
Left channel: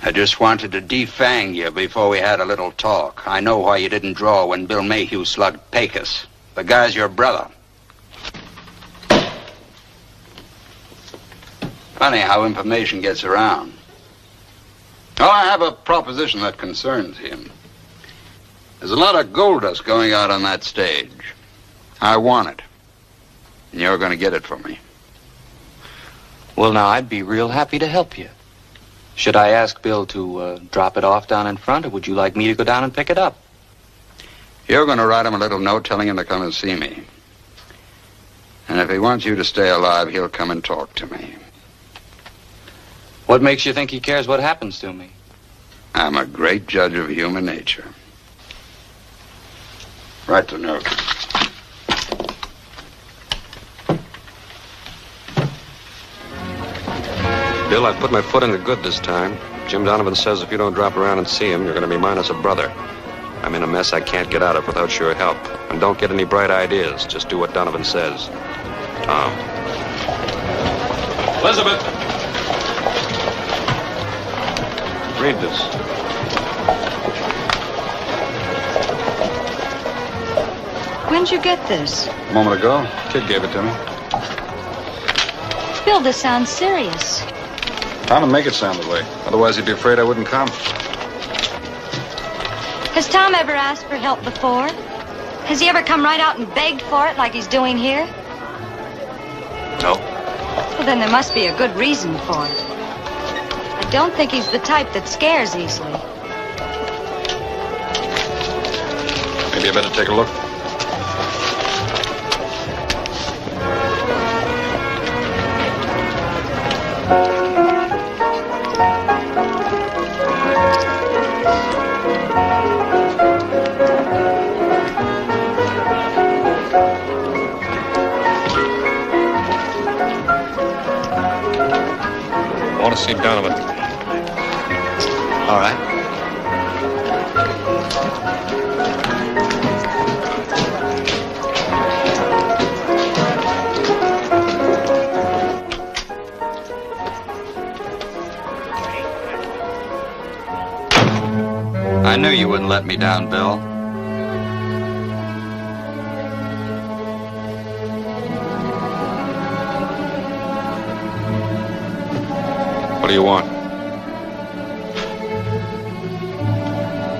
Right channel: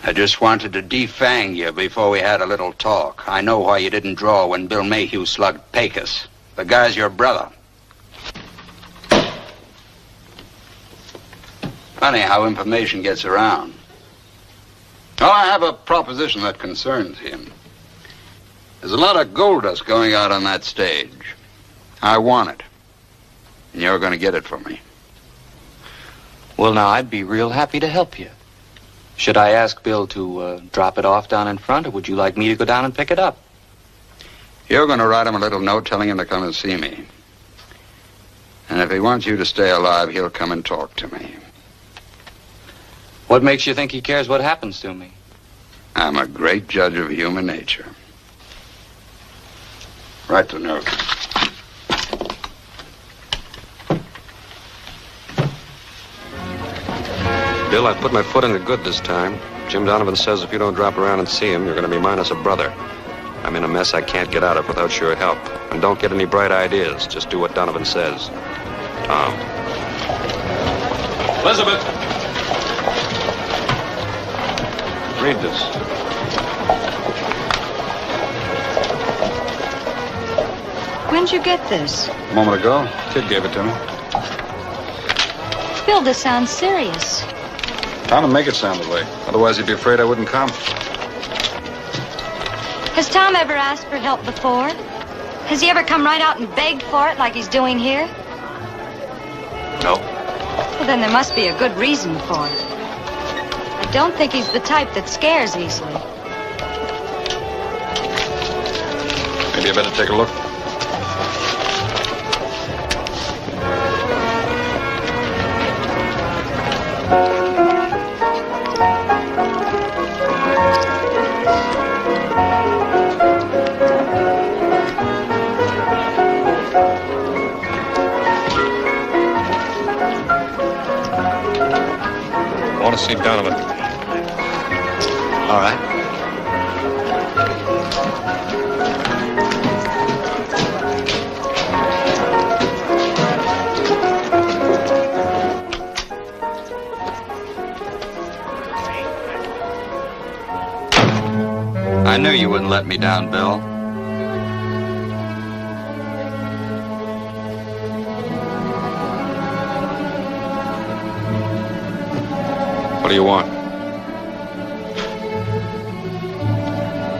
I just wanted to defang you before we had a little talk. I know why you didn't draw when Bill Mayhew slugged Pecos. The guy's your brother. Funny how information gets around. Well, I have a proposition that concerns him. There's a lot of gold dust going out on that stage. I want it. And you're going to get it for me. Well, now, I'd be real happy to help you. Should I ask Bill to drop it off down in front, or would you like me to go down and pick it up? You're going to write him a little note telling him to come and see me. And if he wants you to stay alive, he'll come and talk to me. What makes you think he cares what happens to me? I'm a great judge of human nature. Write the note. Bill, I put my foot in the good this time. Jim Donovan says if you don't drop around and see him, you're going to be minus a brother. I'm in a mess I can't get out of without your help. And don't get any bright ideas. Just do what Donovan says. Tom. Elizabeth. Read this. When'd you get this? A moment ago, Kid gave it to me. Bill, this sounds serious. Tom would make it sound that way. Otherwise, he'd be afraid I wouldn't come. Has Tom ever asked for help before? Has he ever come right out and begged for it like he's doing here? No. Well, then there must be a good reason for it. I don't think he's the type that scares easily. Maybe I better take a look. I want to see Donovan. All right. I knew you wouldn't let me down, Bill. What do you want?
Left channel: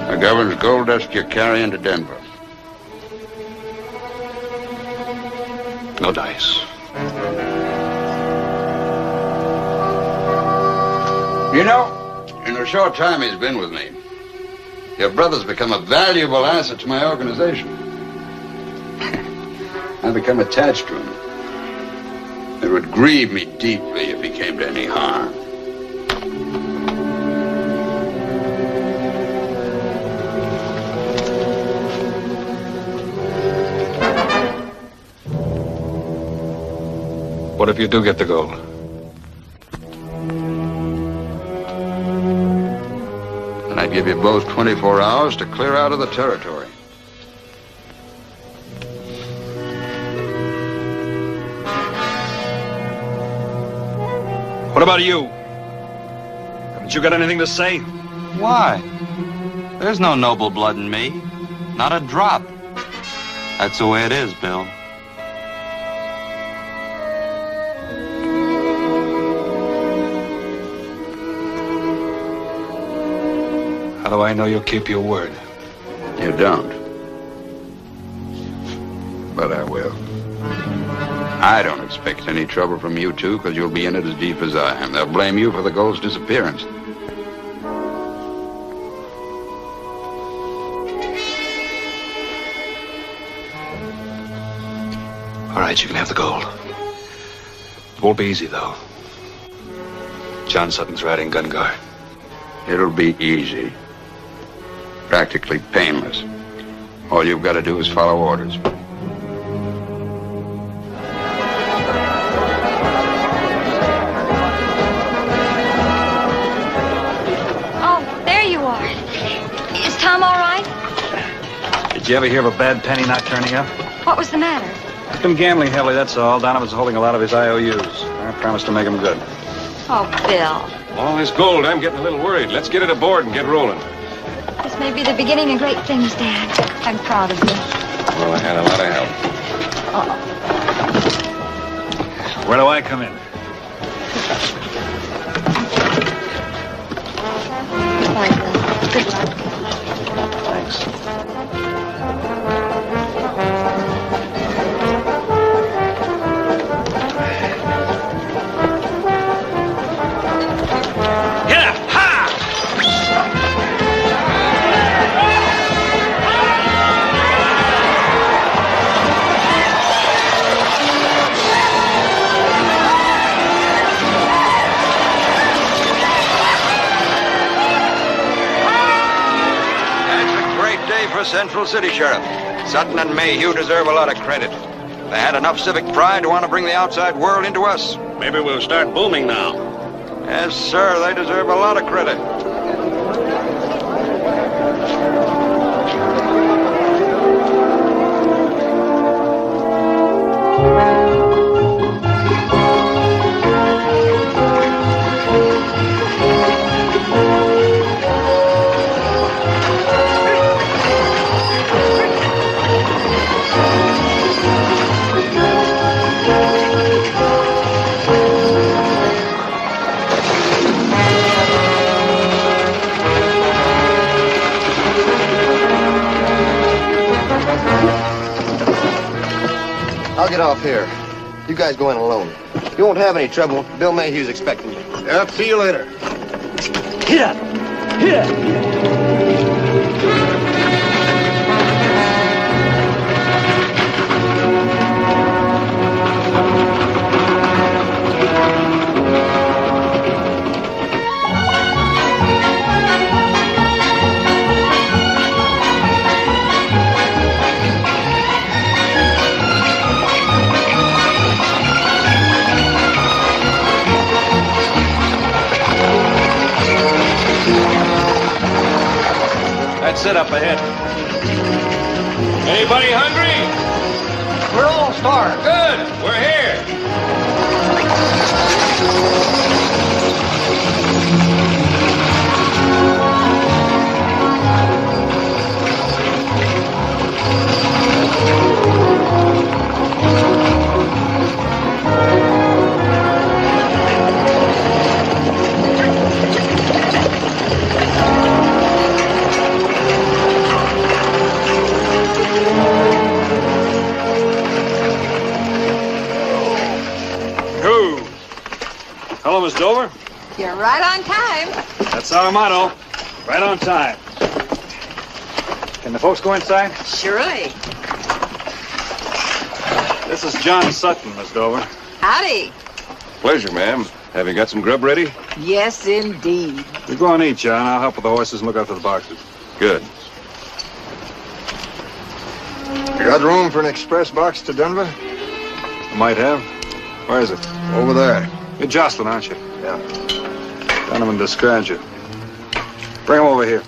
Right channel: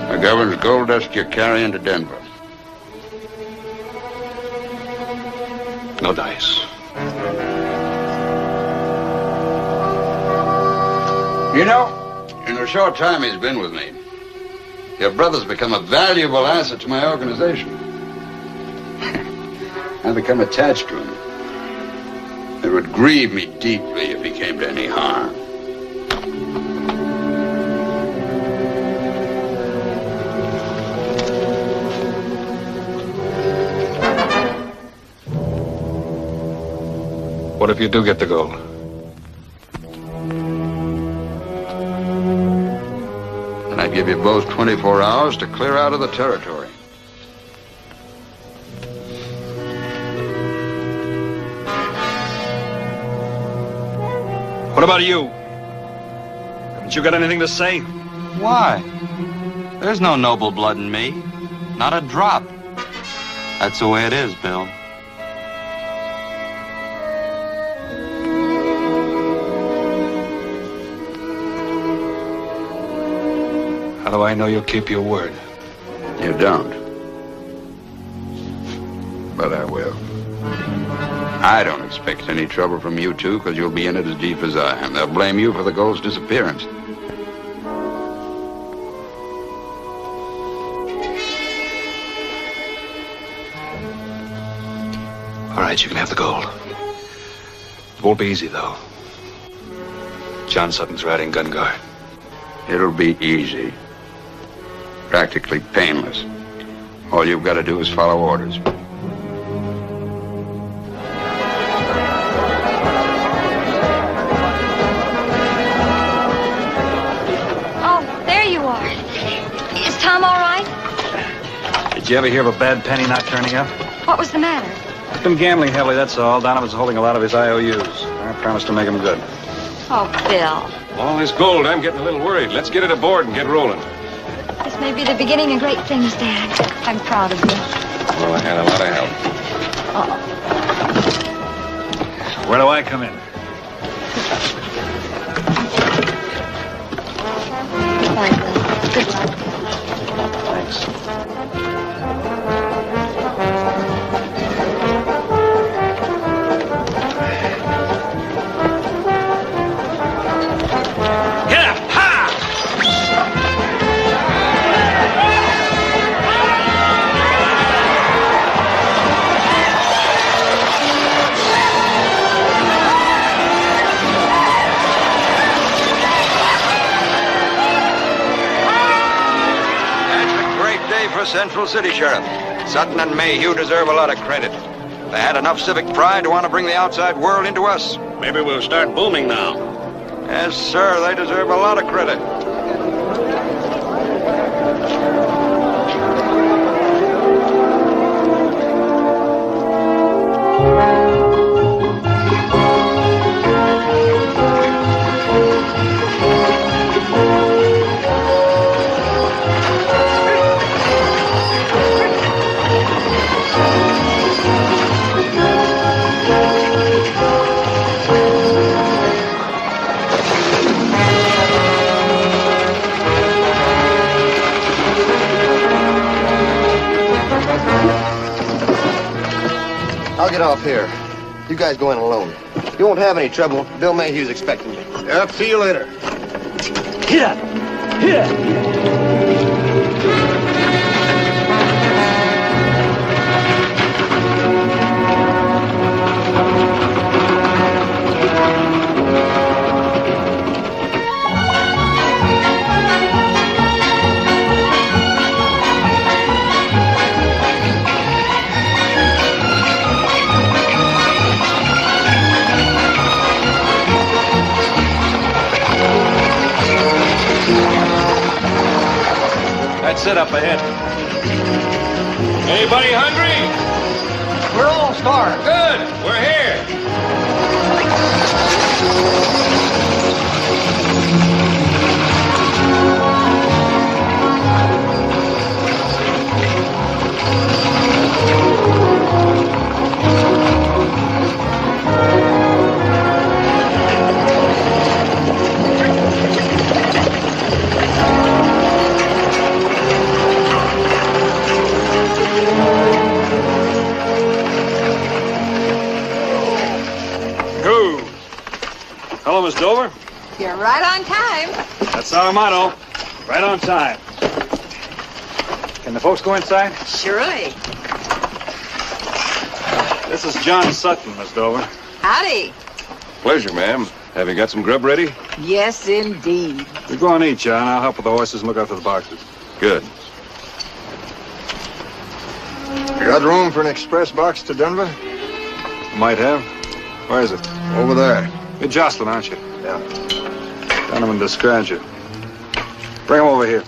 The governor's gold dust you're carrying to Denver. No dice. You know, in the short time he's been with me, your brother's become a valuable asset to my organization. I've become attached to him. It would grieve me deeply if he came to any harm. What if you do get the gold? And I give you both 24 hours to clear out of the territory. What about you? Haven't you got anything to say? Why? There's no noble blood in me. Not a drop. That's the way it is, Bill. How do I know you'll keep your word? You don't. But I will. I don't expect any trouble from you two, because you'll be in it as deep as I am. They'll blame you for the gold's disappearance. All right, you can have the gold. It won't be easy, though. John Sutton's riding gun guard. It'll be easy. Practically painless. All you've got to do is follow orders. you ever hear of a bad penny not turning up? What was the matter? He's been gambling heavily, that's all. Donovan's holding a lot of his IOUs. I promised to make him good. Oh, Bill. All this gold, I'm getting a little worried. Let's get it aboard and get rolling. This may be the beginning of great things, Dad. I'm proud of you. Well, I got a lot of help. Where do I come in? Bye, Bill. Good luck. Thanks. For Central City, Sheriff. Sutton and Mayhew deserve a lot of credit. They had enough civic pride to want to bring the outside world into us. Maybe we'll start booming now. Yes, sir, they deserve a lot of credit. I'll get off here. You guys go in alone. You won't have any trouble. Bill Mayhew's expecting you. Yep, see you later. Hit up! Hit up! Set up ahead. Anybody hungry? We're all starved. Good. We're here. Hello, Miss Dover. You're right on time. That's our motto. Right on time. Can the folks go inside? Surely. This is John Sutton, Miss Dover. Howdy. Pleasure, ma'am. Have you got some grub ready? Yes, indeed. You go on, eat, John. I'll help with the horses and look after the boxes. Good. You got room for an express box to Denver? Might have. Where is it? Over there. You're Jocelyn, aren't you? Yeah. Donovan described you. Bring him over here.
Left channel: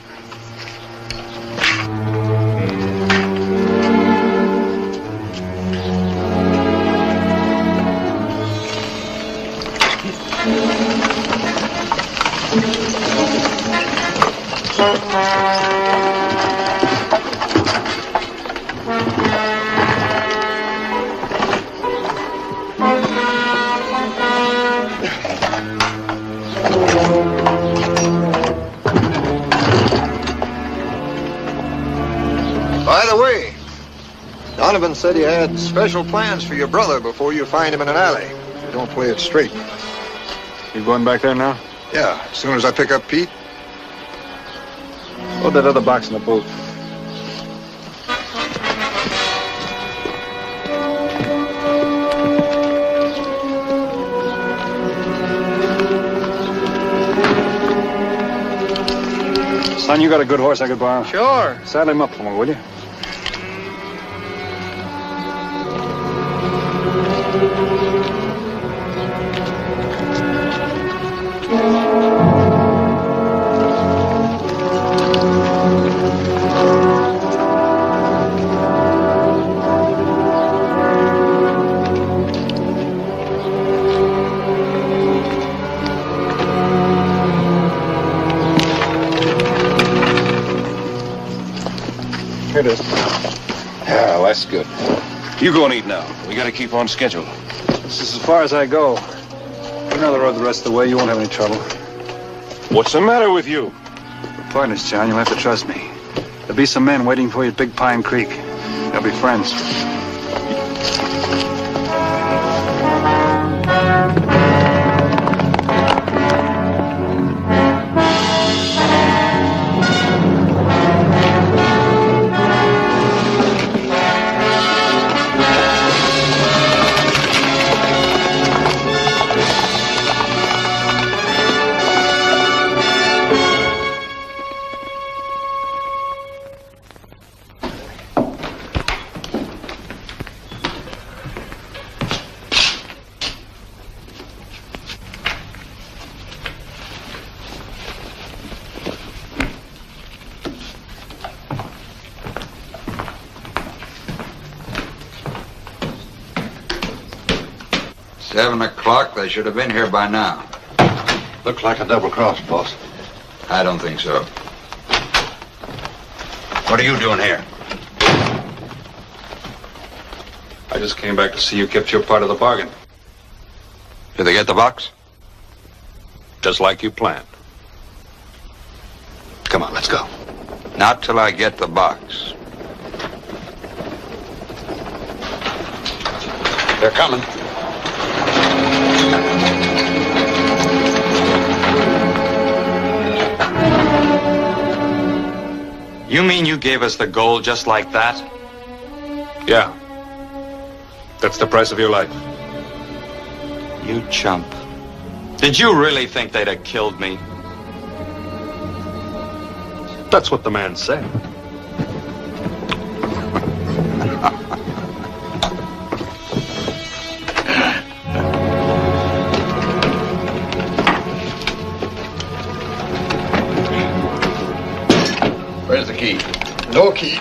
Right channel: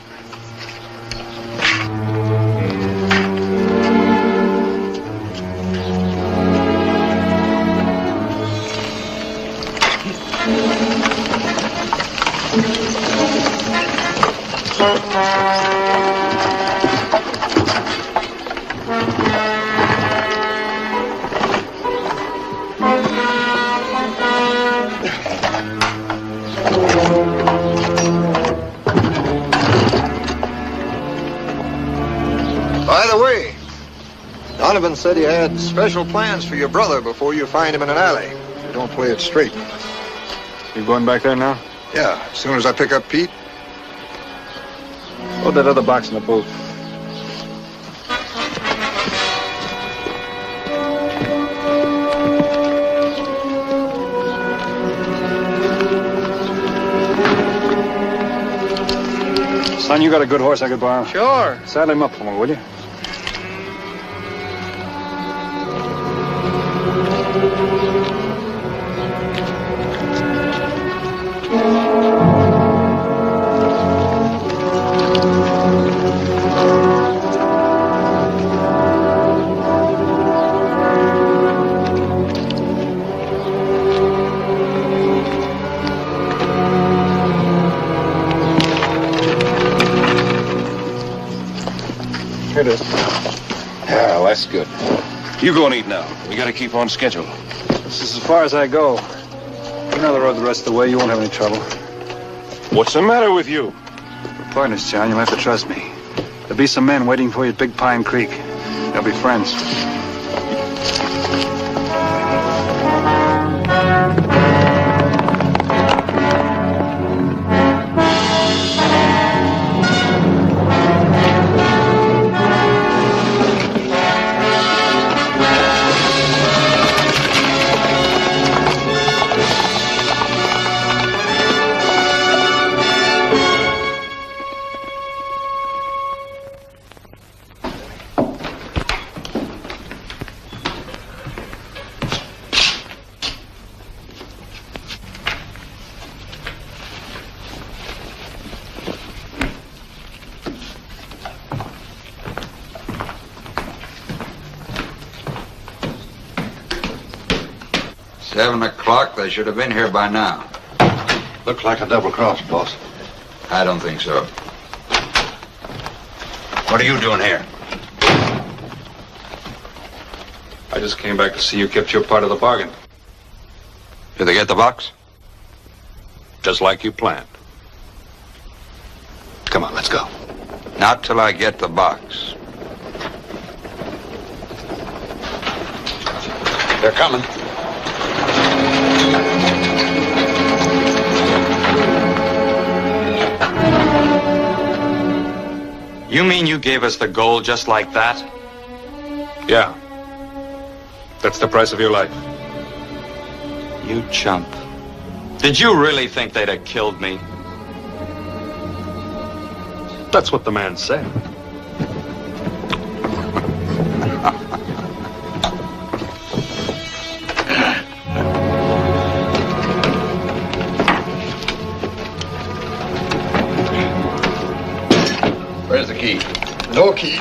Donovan said he had special plans for your brother before you find him in an alley. If you don't play it straight. You going back there now? Yeah, as soon as I pick up Pete. Load that other box in the boat. Son, you got a good horse I could borrow? Sure. Saddle him up for me, will you? here to... Yeah, well, that's good. You go and eat now. We gotta keep on schedule. This is as far as I go. You know the road the rest of the way. You won't have any trouble. What's the matter with you? We're partners, John. You'll have to trust me. There'll be some men waiting for you at Big Pine Creek. They'll be friends. They should have been here by now. Looked like a double cross, boss. I don't think so. What are you doing here? I just came back to see you kept your part of the bargain. Did they get the box? Just like you planned. Come on, let's go. Not till I get the box. They're coming. You mean you gave us the gold just like that? Yeah. That's the price of your life. You chump. Did you really think they'd have killed me? That's what the man said. Where's the key? No key.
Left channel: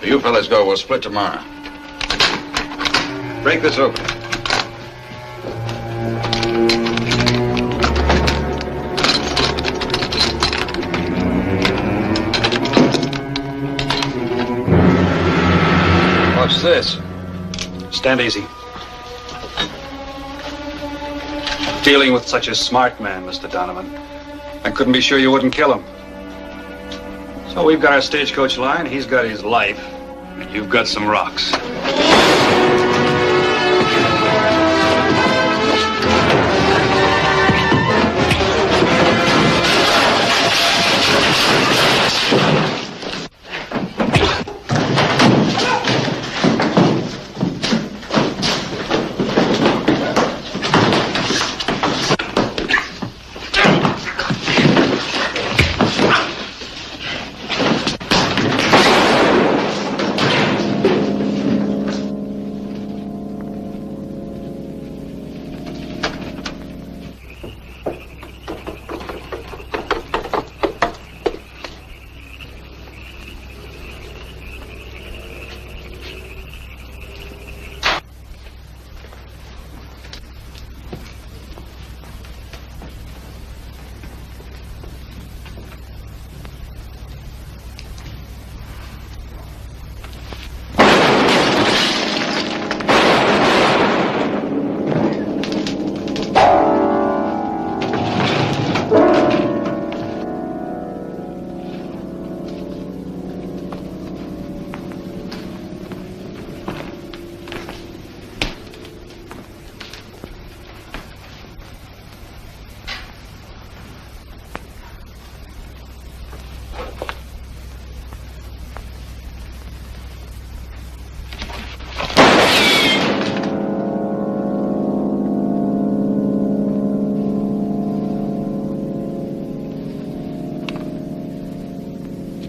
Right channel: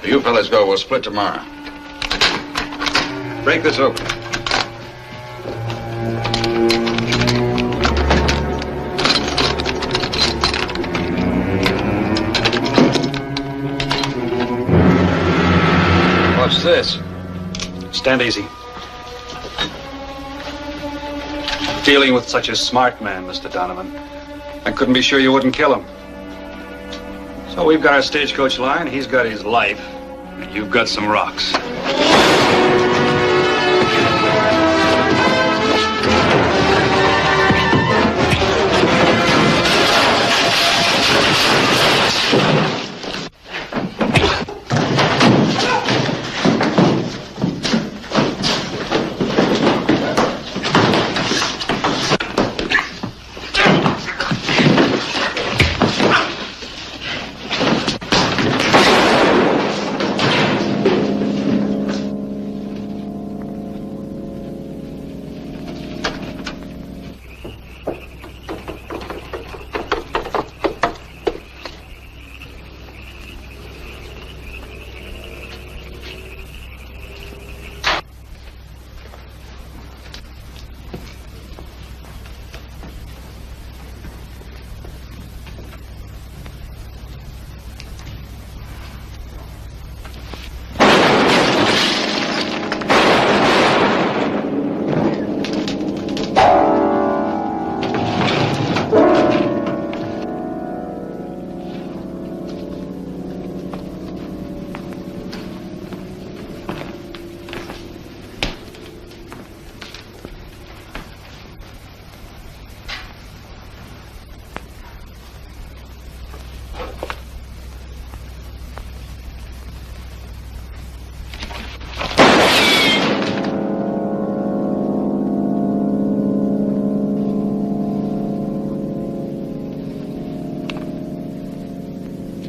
You fellas go. We'll split tomorrow. Break this open. What's this? Stand easy. Dealing with such a smart man, Mr. Donovan. I couldn't be sure you wouldn't kill him. So we've got our stagecoach line, he's got his life, and you've got some rocks.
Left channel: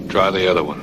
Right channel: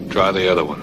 Try the other one.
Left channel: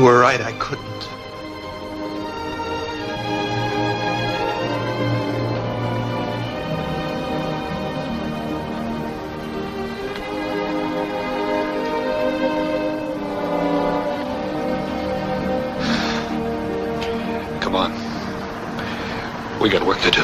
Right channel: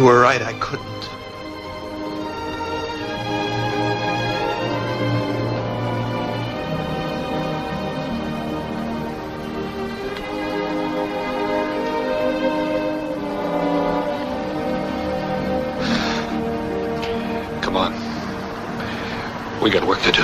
You were right, I couldn't. Come on. We got work to do.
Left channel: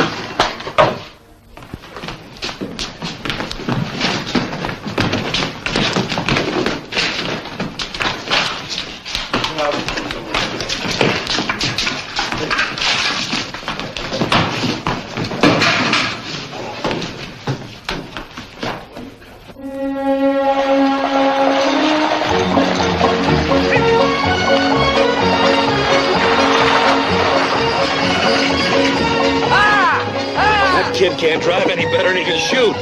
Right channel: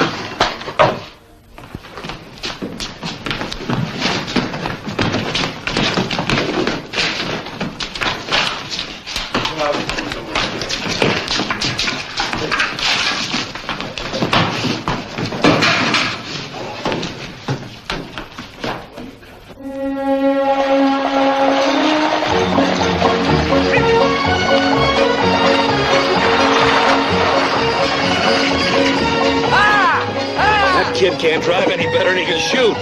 Kid can't drive any better than he can shoot.